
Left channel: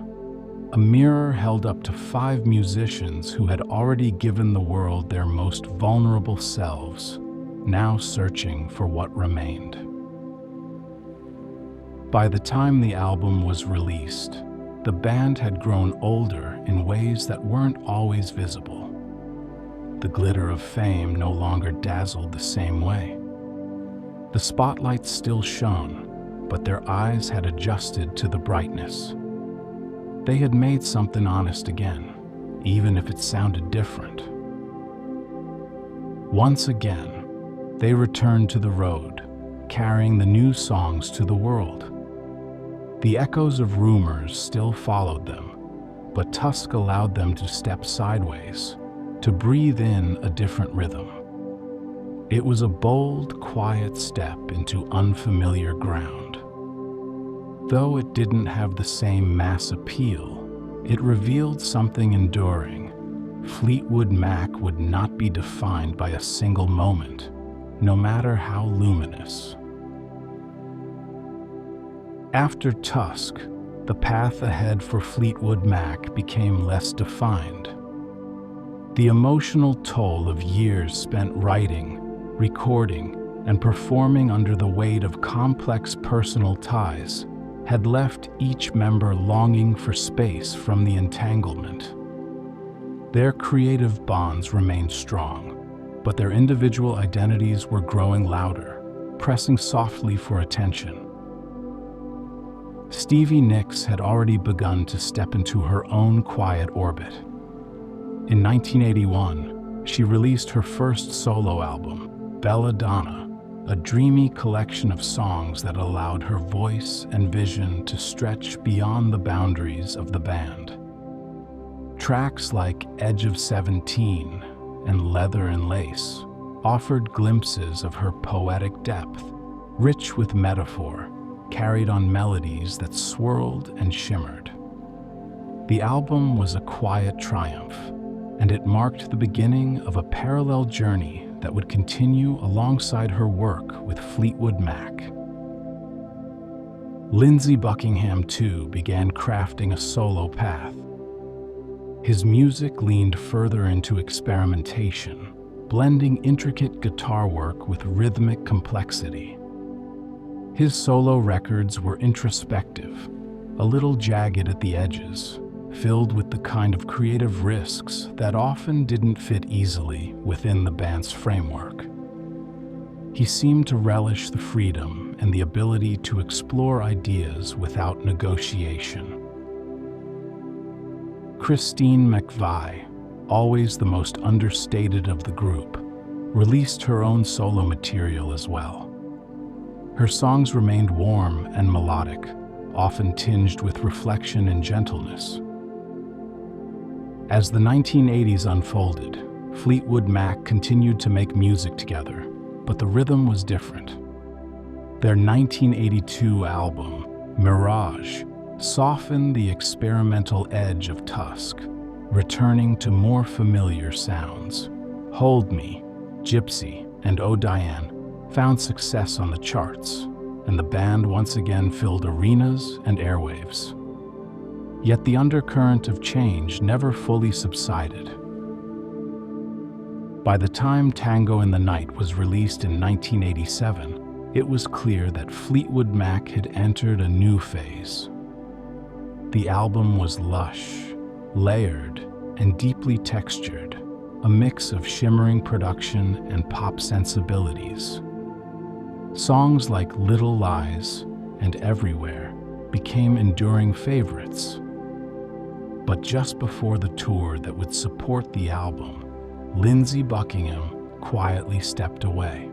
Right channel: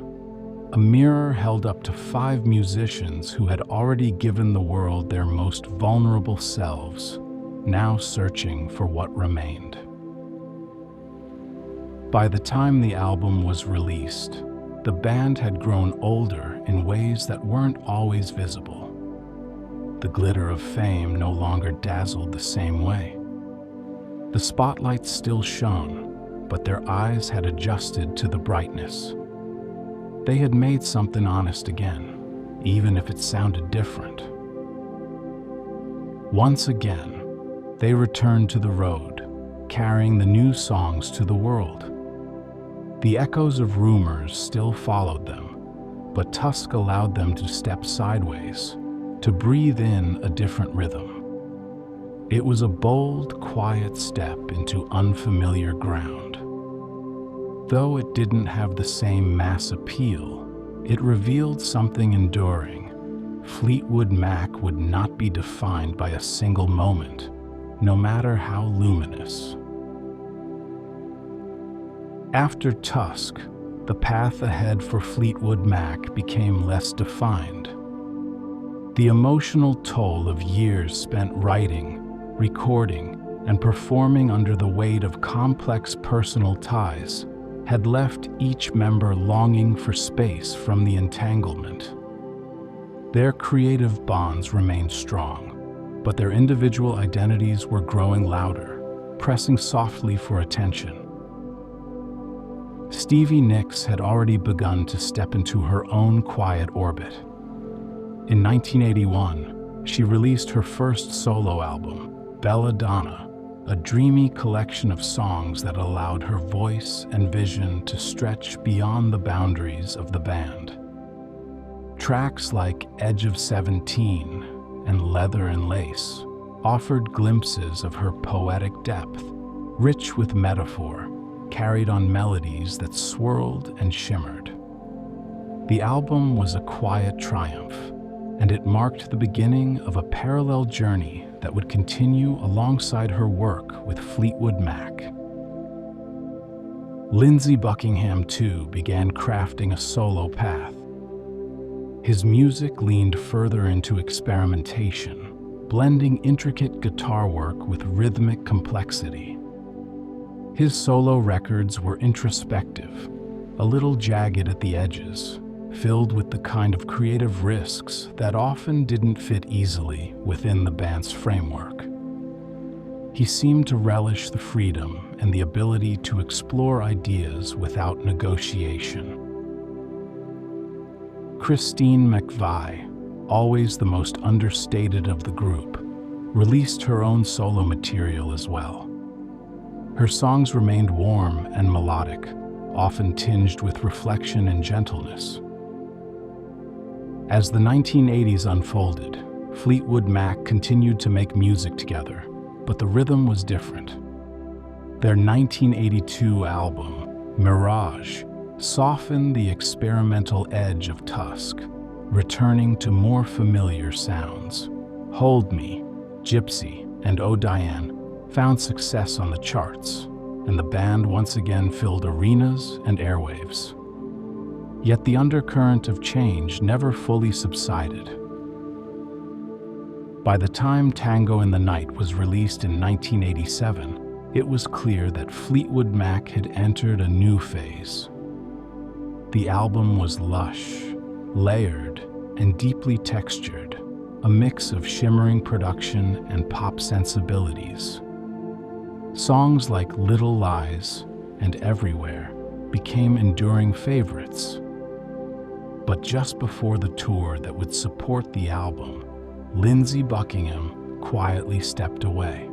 a mirror held up to 5 musicians who had already given the world their most vulnerable selves, now searching for what remained. By the time the album was released, the band had grown older in ways that weren't always visible. The glitter of fame no longer dazzled the same way. The spotlight still shone, but their eyes had adjusted to the brightness. They had made something honest again, even if it sounded different. Once again, they returned to the road, carrying the new songs to the world. The echoes of Rumours still followed them, but Tusk allowed them to step sideways, to breathe in a different rhythm. It was a bold, quiet step into unfamiliar ground. Though it didn't have the same mass appeal, it revealed something enduring. Fleetwood Mac would not be defined by a single moment, no matter how luminous. After Tusk, the path ahead for Fleetwood Mac became less defined. The emotional toll of years spent writing, recording, and performing under the weight of complex personal ties had left each member longing for space from the entanglement. Their creative bonds remained strong, but their individual identities were growing louder, pressing softly for attention. Stevie Nicks had already begun to step into her own quiet orbit. In 1981, she released her first solo album, Belladonna, a dreamy collection of songs that allowed her voice and vision to stretch beyond the boundaries of the band. Tracks like Edge of 17 and Leather and Lace offered glimpses of her poetic depth, rich with metaphor, carried on melodies that swirled and shimmered. The album was a quiet triumph, and it marked the beginning of a parallel journey that would continue alongside her work with Fleetwood Mac. Lindsey Buckingham, too, began crafting a solo path. His music leaned further into experimentation, blending intricate guitar work with rhythmic complexity. His solo records were introspective, a little jagged at the edges, filled with the kind of creative risks that often didn't fit easily within the band's framework. He seemed to relish the freedom and the ability to explore ideas without negotiation. Christine McVie, always the most understated of the group, released her own solo material as well. Her songs remained warm and melodic, often tinged with reflection and gentleness. As the 1980s unfolded, Fleetwood Mac continued to make music together, but the rhythm was different. Their 1982 album, Mirage, softened the experimental edge of Tusk, returning to more familiar sounds. Hold Me, Gypsy, and Oh Diane found success on the charts, and the band once again filled arenas and airwaves. Yet the undercurrent of change never fully subsided. By the time Tango in the Night was released in 1987, it was clear that Fleetwood Mac had entered a new phase. The album was lush, layered, and deeply textured, a mix of shimmering production and pop sensibilities. Songs like Little Lies and Everywhere became enduring favorites. But just before the tour that would support the album, Lindsey Buckingham quietly stepped away.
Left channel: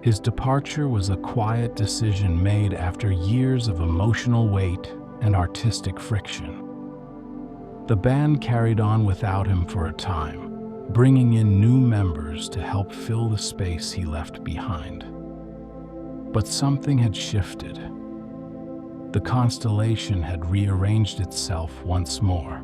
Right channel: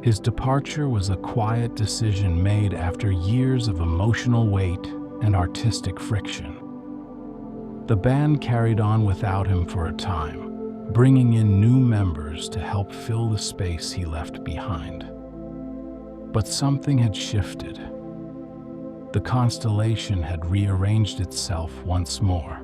His departure was a quiet decision made after years of emotional weight and artistic friction. The band carried on without him for a time, bringing in new members to help fill the space he left behind. But something had shifted. The constellation had rearranged itself once more.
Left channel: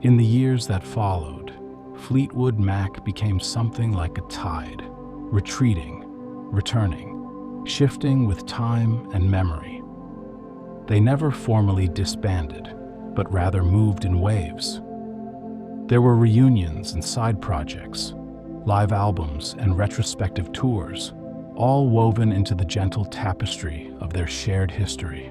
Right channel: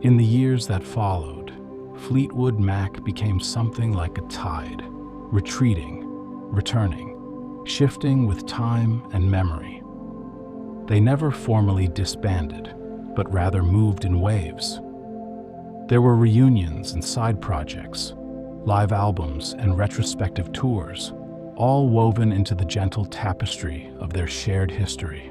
In the years that followed, Fleetwood Mac became something like a tide, retreating, returning, shifting with time and memory. They never formally disbanded, but rather moved in waves. There were reunions and side projects, live albums and retrospective tours, all woven into the gentle tapestry of their shared history.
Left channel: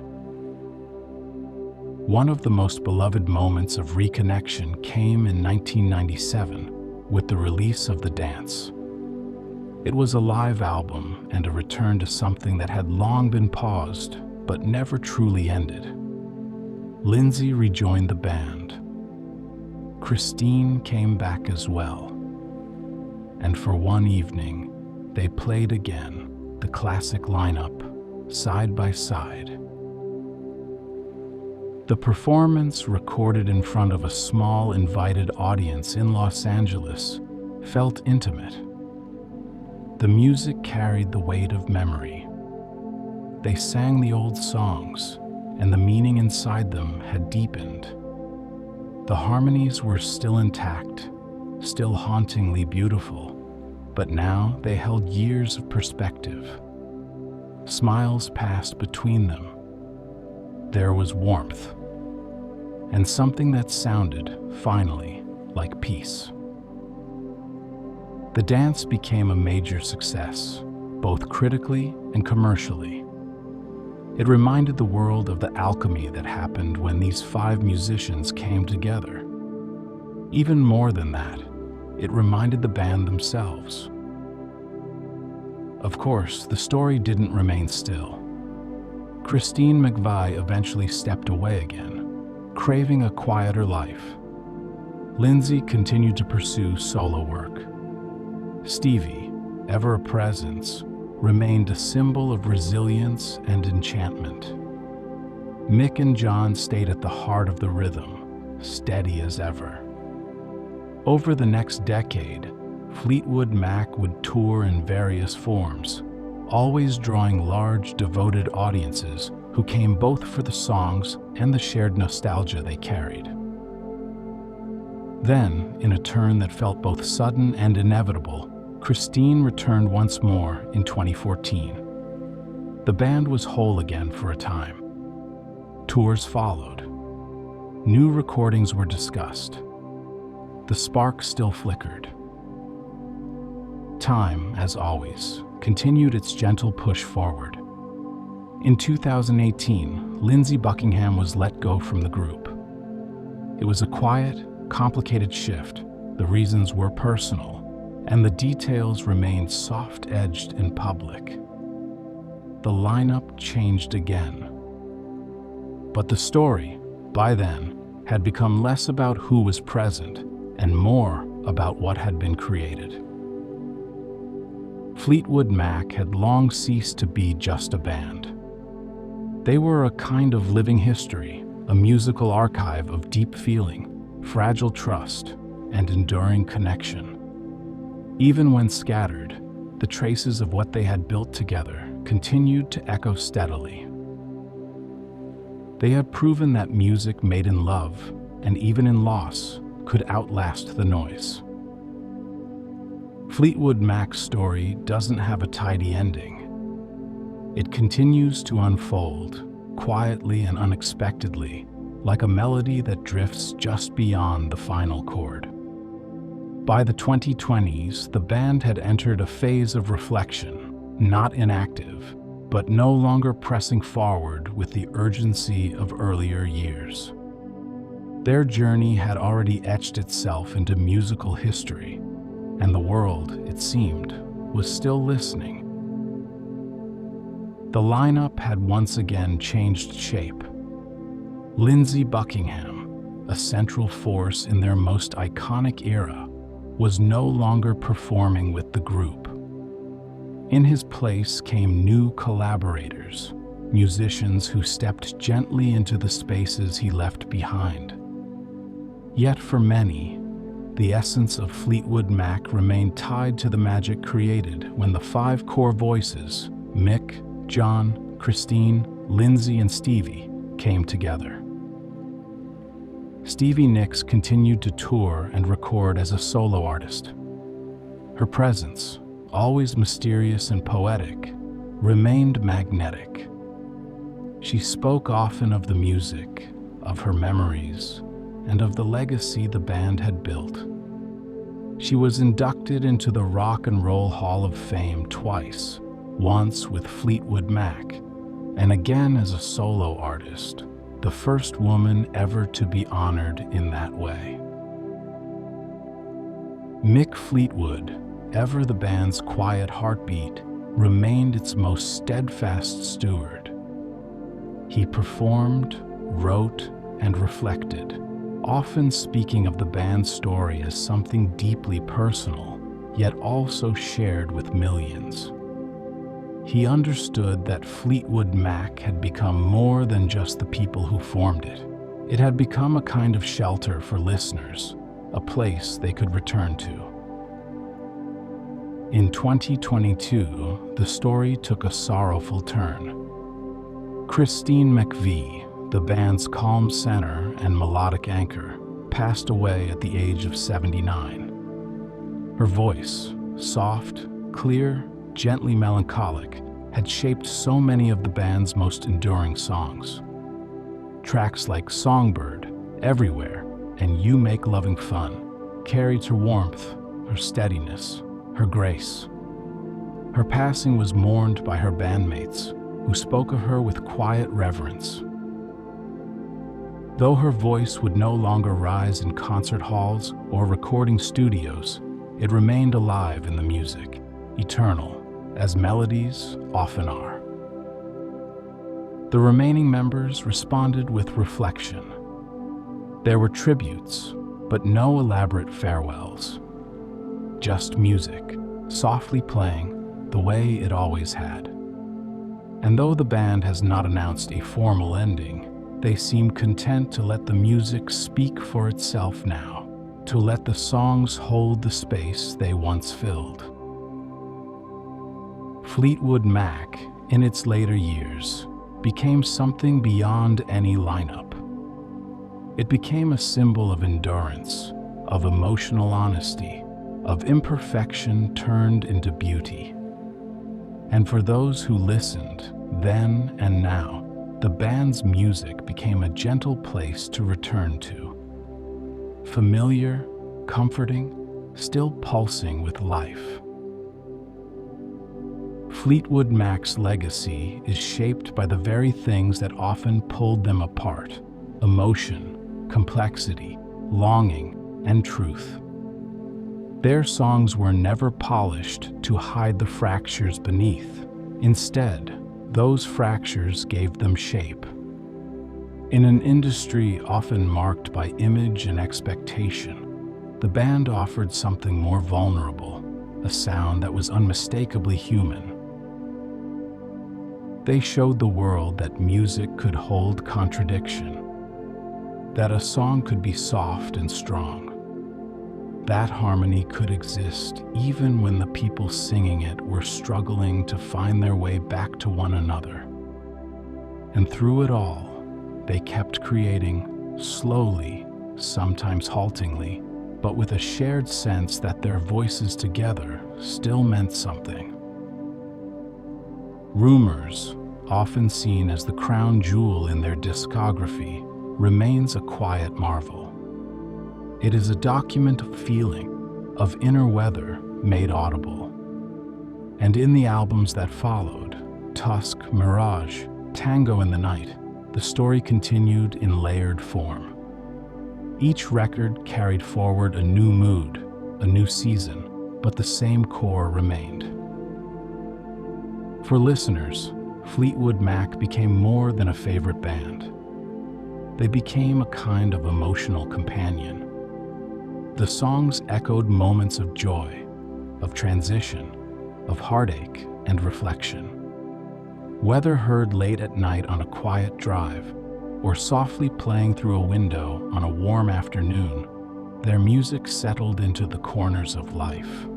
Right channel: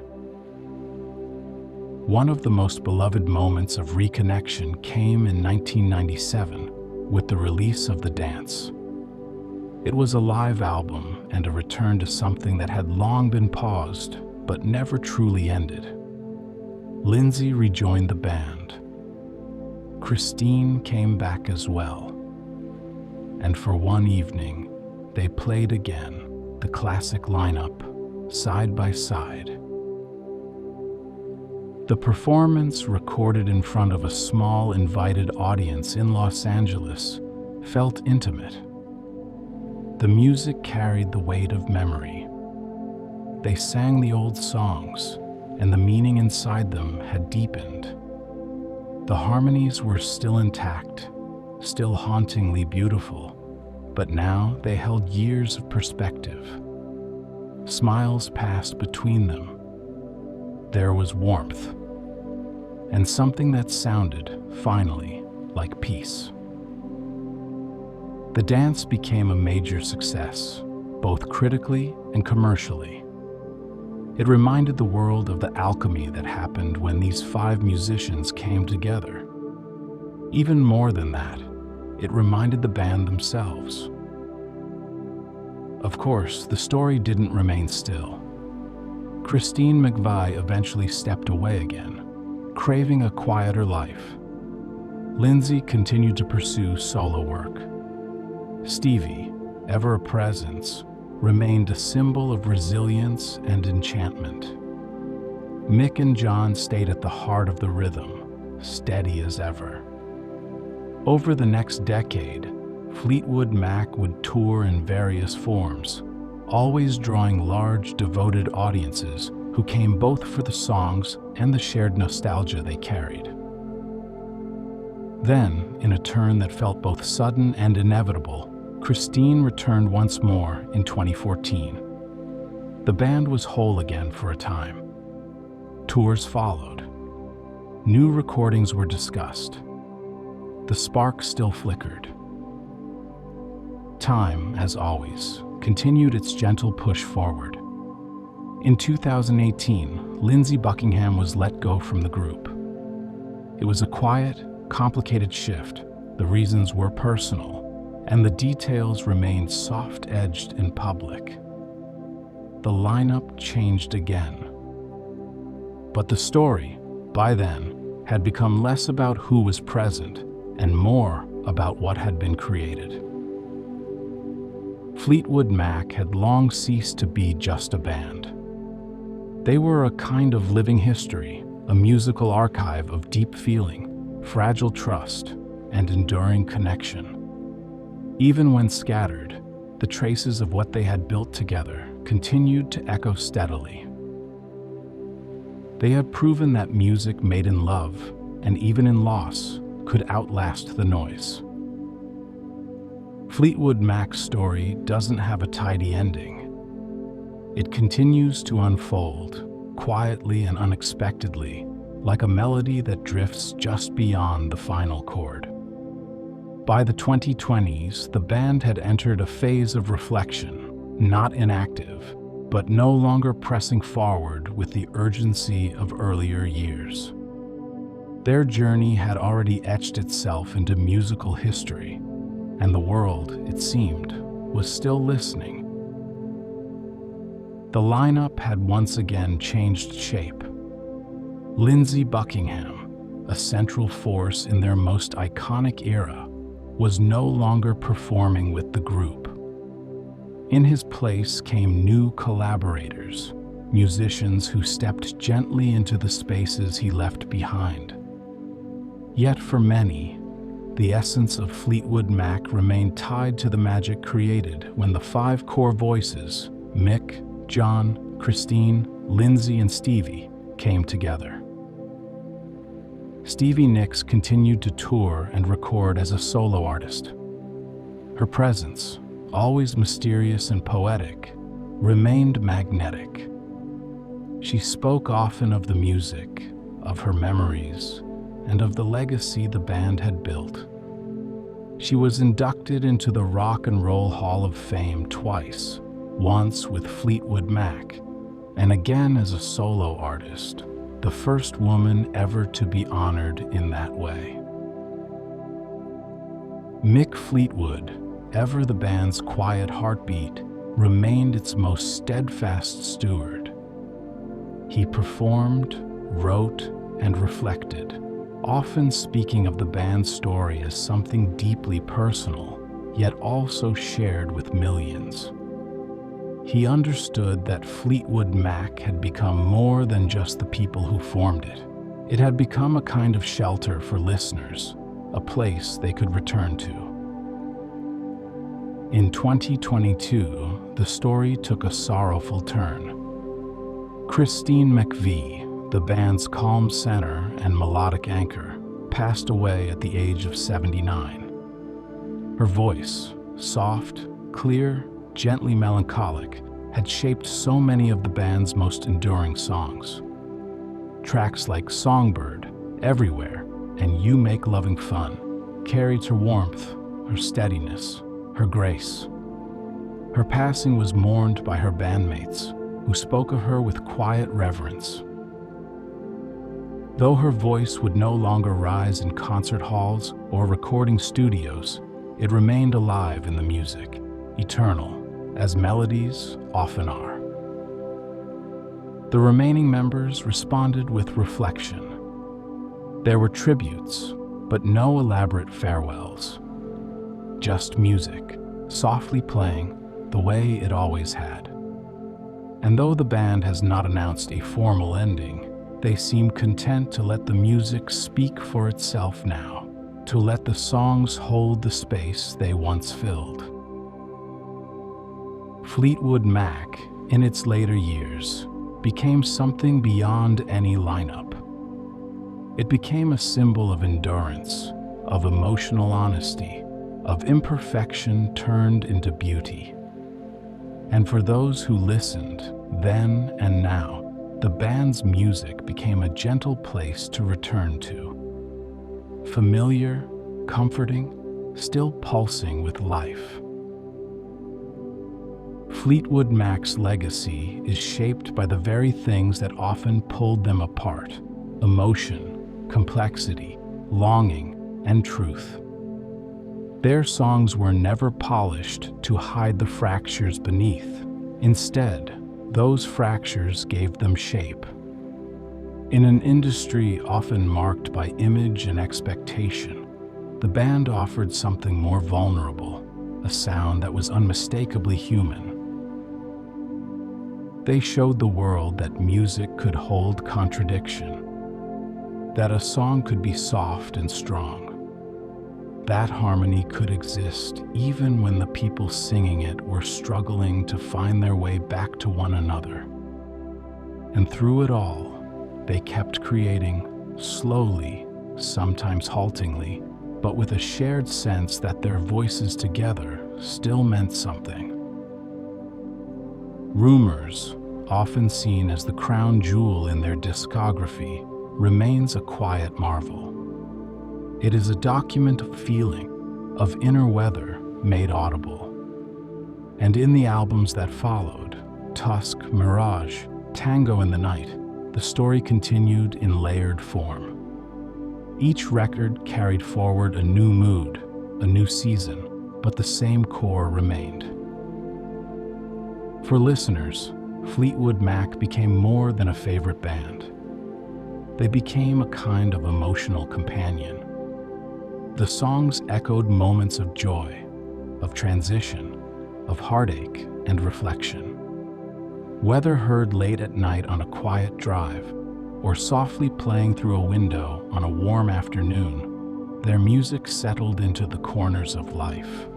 One of the most beloved moments of reconnection came in 1997 with the release of The Dance. It was a live album and a return to something that had long been paused but never truly ended. Lindsey rejoined the band. Christine came back as well. And for one evening, they played again, the classic lineup, side by side. The performance, recorded in front of a small invited audience in Los Angeles, felt intimate. The music carried the weight of memory. They sang the old songs, and the meaning inside them had deepened. The harmonies were still intact, still hauntingly beautiful, but now they held years of perspective. Smiles passed between them. There was warmth, and something that sounded, finally, like peace. The Dance became a major success, both critically and commercially. It reminded the world of the alchemy that happened when these 5 musicians came together. Even more than that, it reminded the band themselves. Of course, the story didn't remain still. Christine McVie eventually stepped away again, craving a quieter life. Lindsey continued to pursue solo work. Stevie, ever a presence, remained a symbol of resilience and enchantment. Mick and John stayed at the heart of the rhythm, steady as ever. Over the next decade, Fleetwood Mac would tour in various forms, always drawing large, devoted audiences who came both for the songs and the shared nostalgia they carried. Then, in a turn that felt both sudden and inevitable, Christine returned once more in 2014. The band was whole again for a time. Tours followed. New recordings were discussed. The spark still flickered. Time, as always, continued its gentle push forward. In 2018, Lindsey Buckingham was let go from the group. It was a quiet, complicated shift. The reasons were personal, and the details remained soft-edged in public. The lineup changed again. But the story, by then, had become less about who was present and more about what had been created. Fleetwood Mac had long ceased to be just a band. They were a kind of living history, a musical archive of deep feeling, fragile trust, and enduring connection. Even when scattered, the traces of what they had built together continued to echo steadily. They had proven that music made in love, and even in loss, could outlast the noise. Fleetwood Mac's story doesn't have a tidy ending. It continues to unfold, quietly and unexpectedly, like a melody that drifts just beyond the final chord. By the 2020s, the band had entered a phase of reflection, not inactive, but no longer pressing forward with the urgency of earlier years. Their journey had already etched itself into musical history, and the world, it seemed, was still listening. The lineup had once again changed shape. Lindsey Buckingham, a central force in their most iconic era, was no longer performing with the group. In his place came new collaborators, musicians who stepped gently into the spaces he left behind. Yet for many, the essence of Fleetwood Mac remained tied to the magic created when the five core voices, Mick, John, Christine, Lindsey, and Stevie, came together. Stevie Nicks continued to tour and record as a solo artist. Her presence, always mysterious and poetic, remained magnetic. She spoke often of the music, of her memories, and of the legacy the band had built. She was inducted into the Rock and Roll Hall of Fame twice, once with Fleetwood Mac, and again as a solo artist, the first woman ever to be honored in that way. Mick Fleetwood, ever the band's quiet heartbeat, remained its most steadfast steward. He performed, wrote, and reflected, often speaking of the band's story as something deeply personal, yet also shared with millions. He understood that Fleetwood Mac had become more than just the people who formed it. It had become a kind of shelter for listeners, a place they could return to. In 2022, the story took a sorrowful turn. Christine McVie, the band's calm center and melodic anchor, passed away at the age of 79. Her voice, soft, clear, gently melancholic, had shaped so many of the band's most enduring songs. Tracks like Songbird, Everywhere, and You Make Loving Fun carried her warmth, her steadiness, her grace. Her passing was mourned by her bandmates, who spoke of her with quiet reverence. Though her voice would no longer rise in concert halls or recording studios, it remained alive in the music, eternal, as melodies often are. The remaining members responded with reflection. There were tributes, but no elaborate farewells. Just music, softly playing the way it always had. And though the band has not announced a formal ending, they seem content to let the music speak for itself now, to let the songs hold the space they once filled. Fleetwood Mac, in its later years, became something beyond any lineup. It became a symbol of endurance, of emotional honesty, of imperfection turned into beauty. And for those who listened, then and now, the band's music became a gentle place to return to. Familiar, comforting, still pulsing with life. Fleetwood Mac's legacy is shaped by the very things that often pulled them apart: emotion, complexity, longing, and truth. Their songs were never polished to hide the fractures beneath. Instead, those fractures gave them shape. In an industry often marked by image and expectation, the band offered something more vulnerable, a sound that was unmistakably human. They showed the world that music could hold contradiction, that a song could be soft and strong, that harmony could exist even when the people singing it were struggling to find their way back to one another. And through it all, they kept creating, slowly, sometimes haltingly, but with a shared sense that their voices together still meant something. Rumours, often seen as the crown jewel in their discography, remains a quiet marvel. It is a document of feeling, of inner weather made audible. And in the albums that followed, Tusk, Mirage, Tango in the Night, the story continued in layered form. Each record carried forward a new mood, a new season, but the same core remained. For listeners, Fleetwood Mac became more than a favorite band. They became a kind of emotional companion. The songs echoed moments of joy, of transition, of heartache and reflection. Whether heard late at night on a quiet drive, or softly playing through a window on a warm afternoon, their music settled into the corners of life.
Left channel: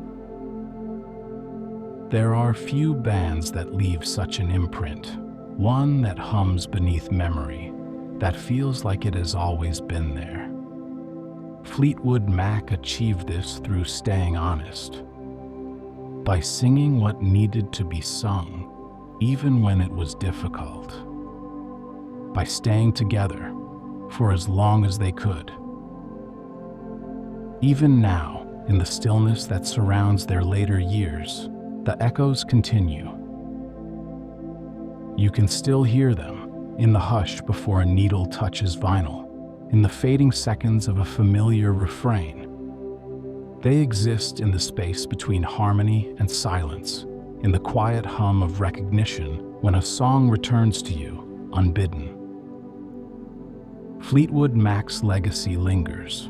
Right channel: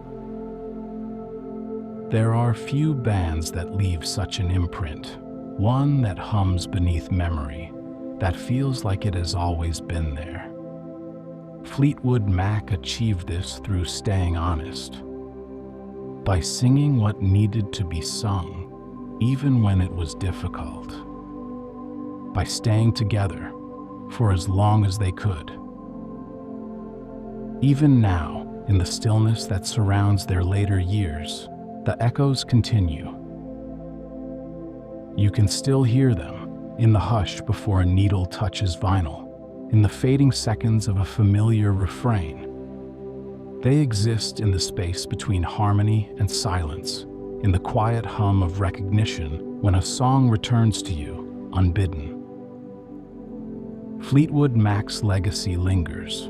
There are few bands that leave such an imprint, one that hums beneath memory, that feels like it has always been there. Fleetwood Mac achieved this through staying honest, by singing what needed to be sung, even when it was difficult, by staying together for as long as they could. Even now, in the stillness that surrounds their later years, the echoes continue. You can still hear them in the hush before a needle touches vinyl, in the fading seconds of a familiar refrain. They exist in the space between harmony and silence, in the quiet hum of recognition when a song returns to you unbidden. Fleetwood Mac's legacy lingers.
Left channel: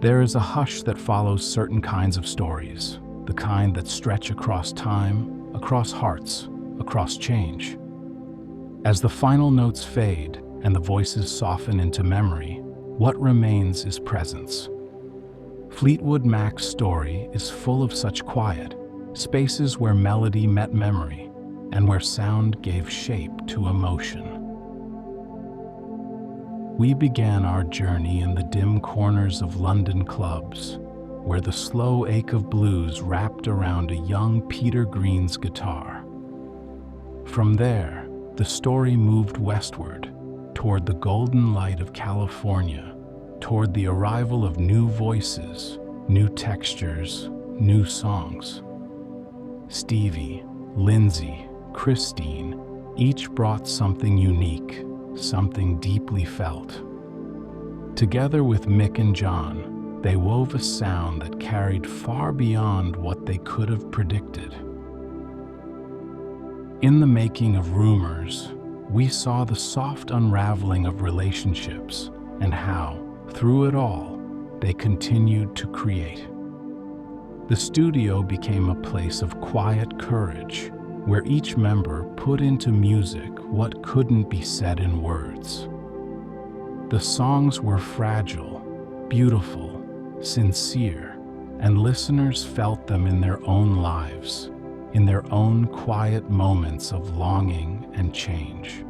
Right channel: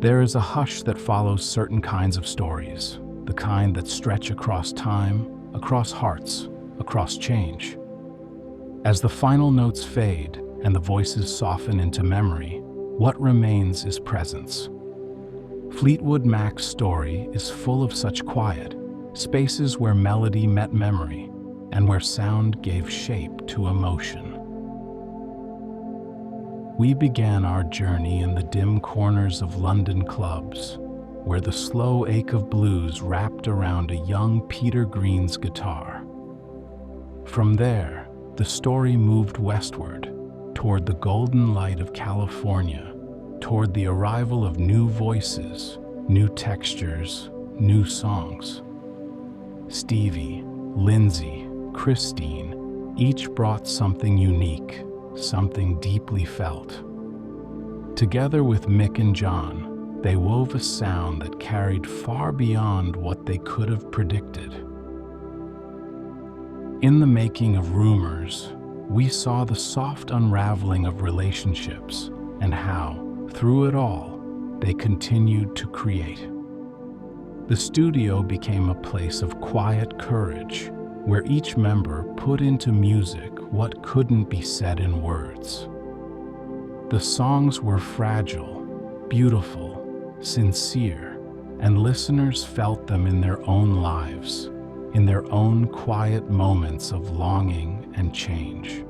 There is a hush that follows certain kinds of stories, the kind that stretch across time, across hearts, across change. As the final notes fade and the voices soften into memory, what remains is presence. Fleetwood Mac's story is full of such quiet spaces where melody met memory and where sound gave shape to emotion. We began our journey in the dim corners of London clubs, where the slow ache of blues wrapped around a young Peter Green's guitar. From there, the story moved westward, toward the golden light of California, toward the arrival of new voices, new textures, new songs. Stevie, Lindsey, Christine, each brought something unique, something deeply felt. Together with Mick and John, they wove a sound that carried far beyond what they could have predicted. In the making of Rumours, we saw the soft unraveling of relationships and how, through it all, they continued to create. The studio became a place of quiet courage, where each member put into music what couldn't be said in words. The songs were fragile, beautiful, sincere, and listeners felt them in their own lives, in their own quiet moments of longing and change.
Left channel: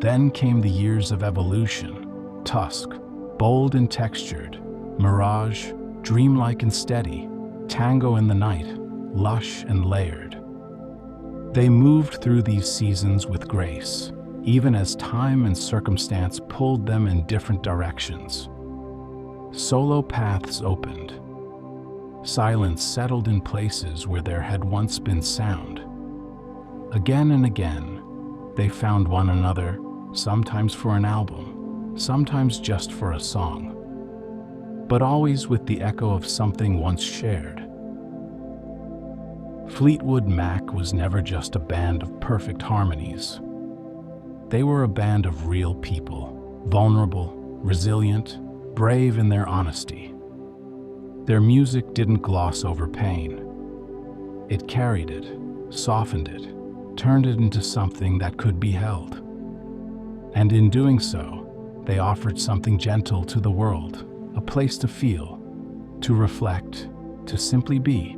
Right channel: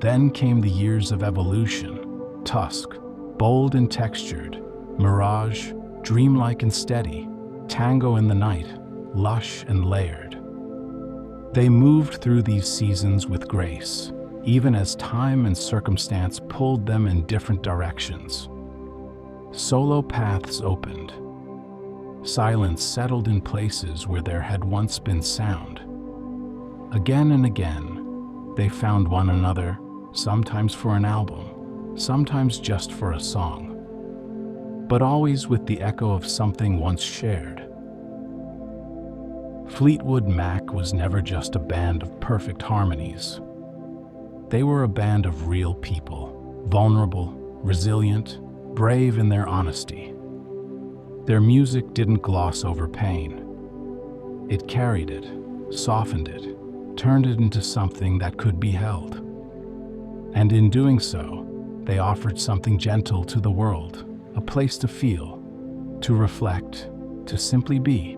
Then came the years of evolution: Tusk, bold and textured; Mirage, dreamlike and steady; Tango in the Night, lush and layered. They moved through these seasons with grace, even as time and circumstance pulled them in different directions. Solo paths opened. Silence settled in places where there had once been sound. Again and again, they found one another, sometimes for an album, sometimes just for a song, but always with the echo of something once shared. Fleetwood Mac was never just a band of perfect harmonies. They were a band of real people, vulnerable, resilient, brave in their honesty. Their music didn't gloss over pain. It carried it, softened it, turned it into something that could be held. And in doing so, they offered something gentle to the world, a place to feel, to reflect, to simply be.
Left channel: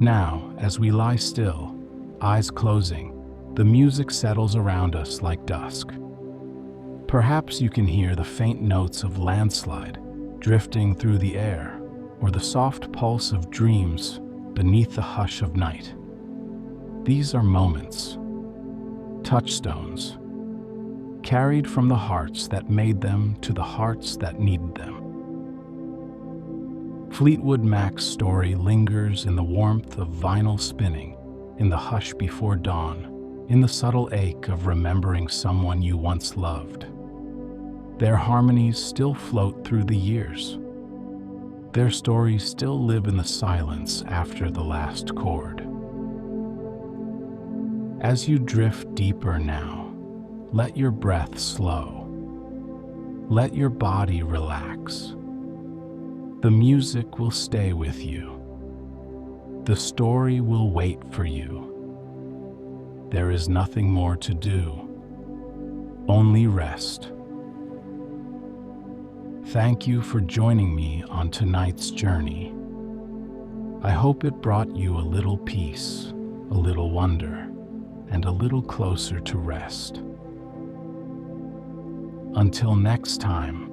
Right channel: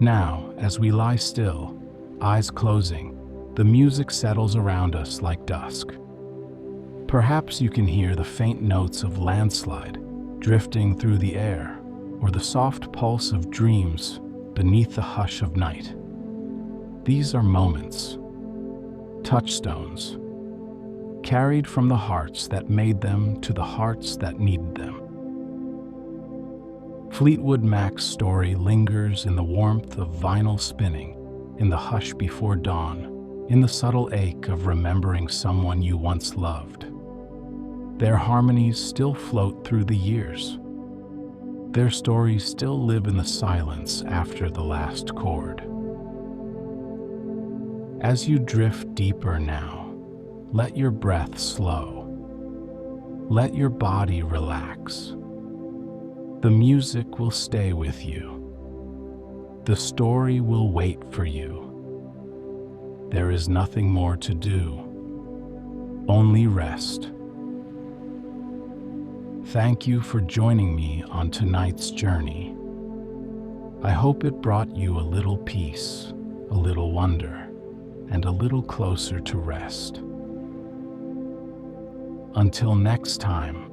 Now, as we lie still, eyes closing, the music settles around us like dusk. Perhaps you can hear the faint notes of landslide drifting through the air, or the soft pulse of dreams beneath the hush of night. These are moments, touchstones, carried from the hearts that made them to the hearts that needed them. Fleetwood Mac's story lingers in the warmth of vinyl spinning, in the hush before dawn, in the subtle ache of remembering someone you once loved. Their harmonies still float through the years. Their stories still live in the silence after the last chord. As you drift deeper now, let your breath slow. Let your body relax. The music will stay with you. The story will wait for you. There is nothing more to do, only rest. Thank you for joining me on tonight's journey. I hope it brought you a little peace, a little wonder, and a little closer to rest. Until next time,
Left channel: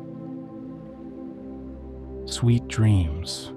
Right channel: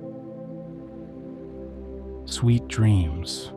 sweet dreams.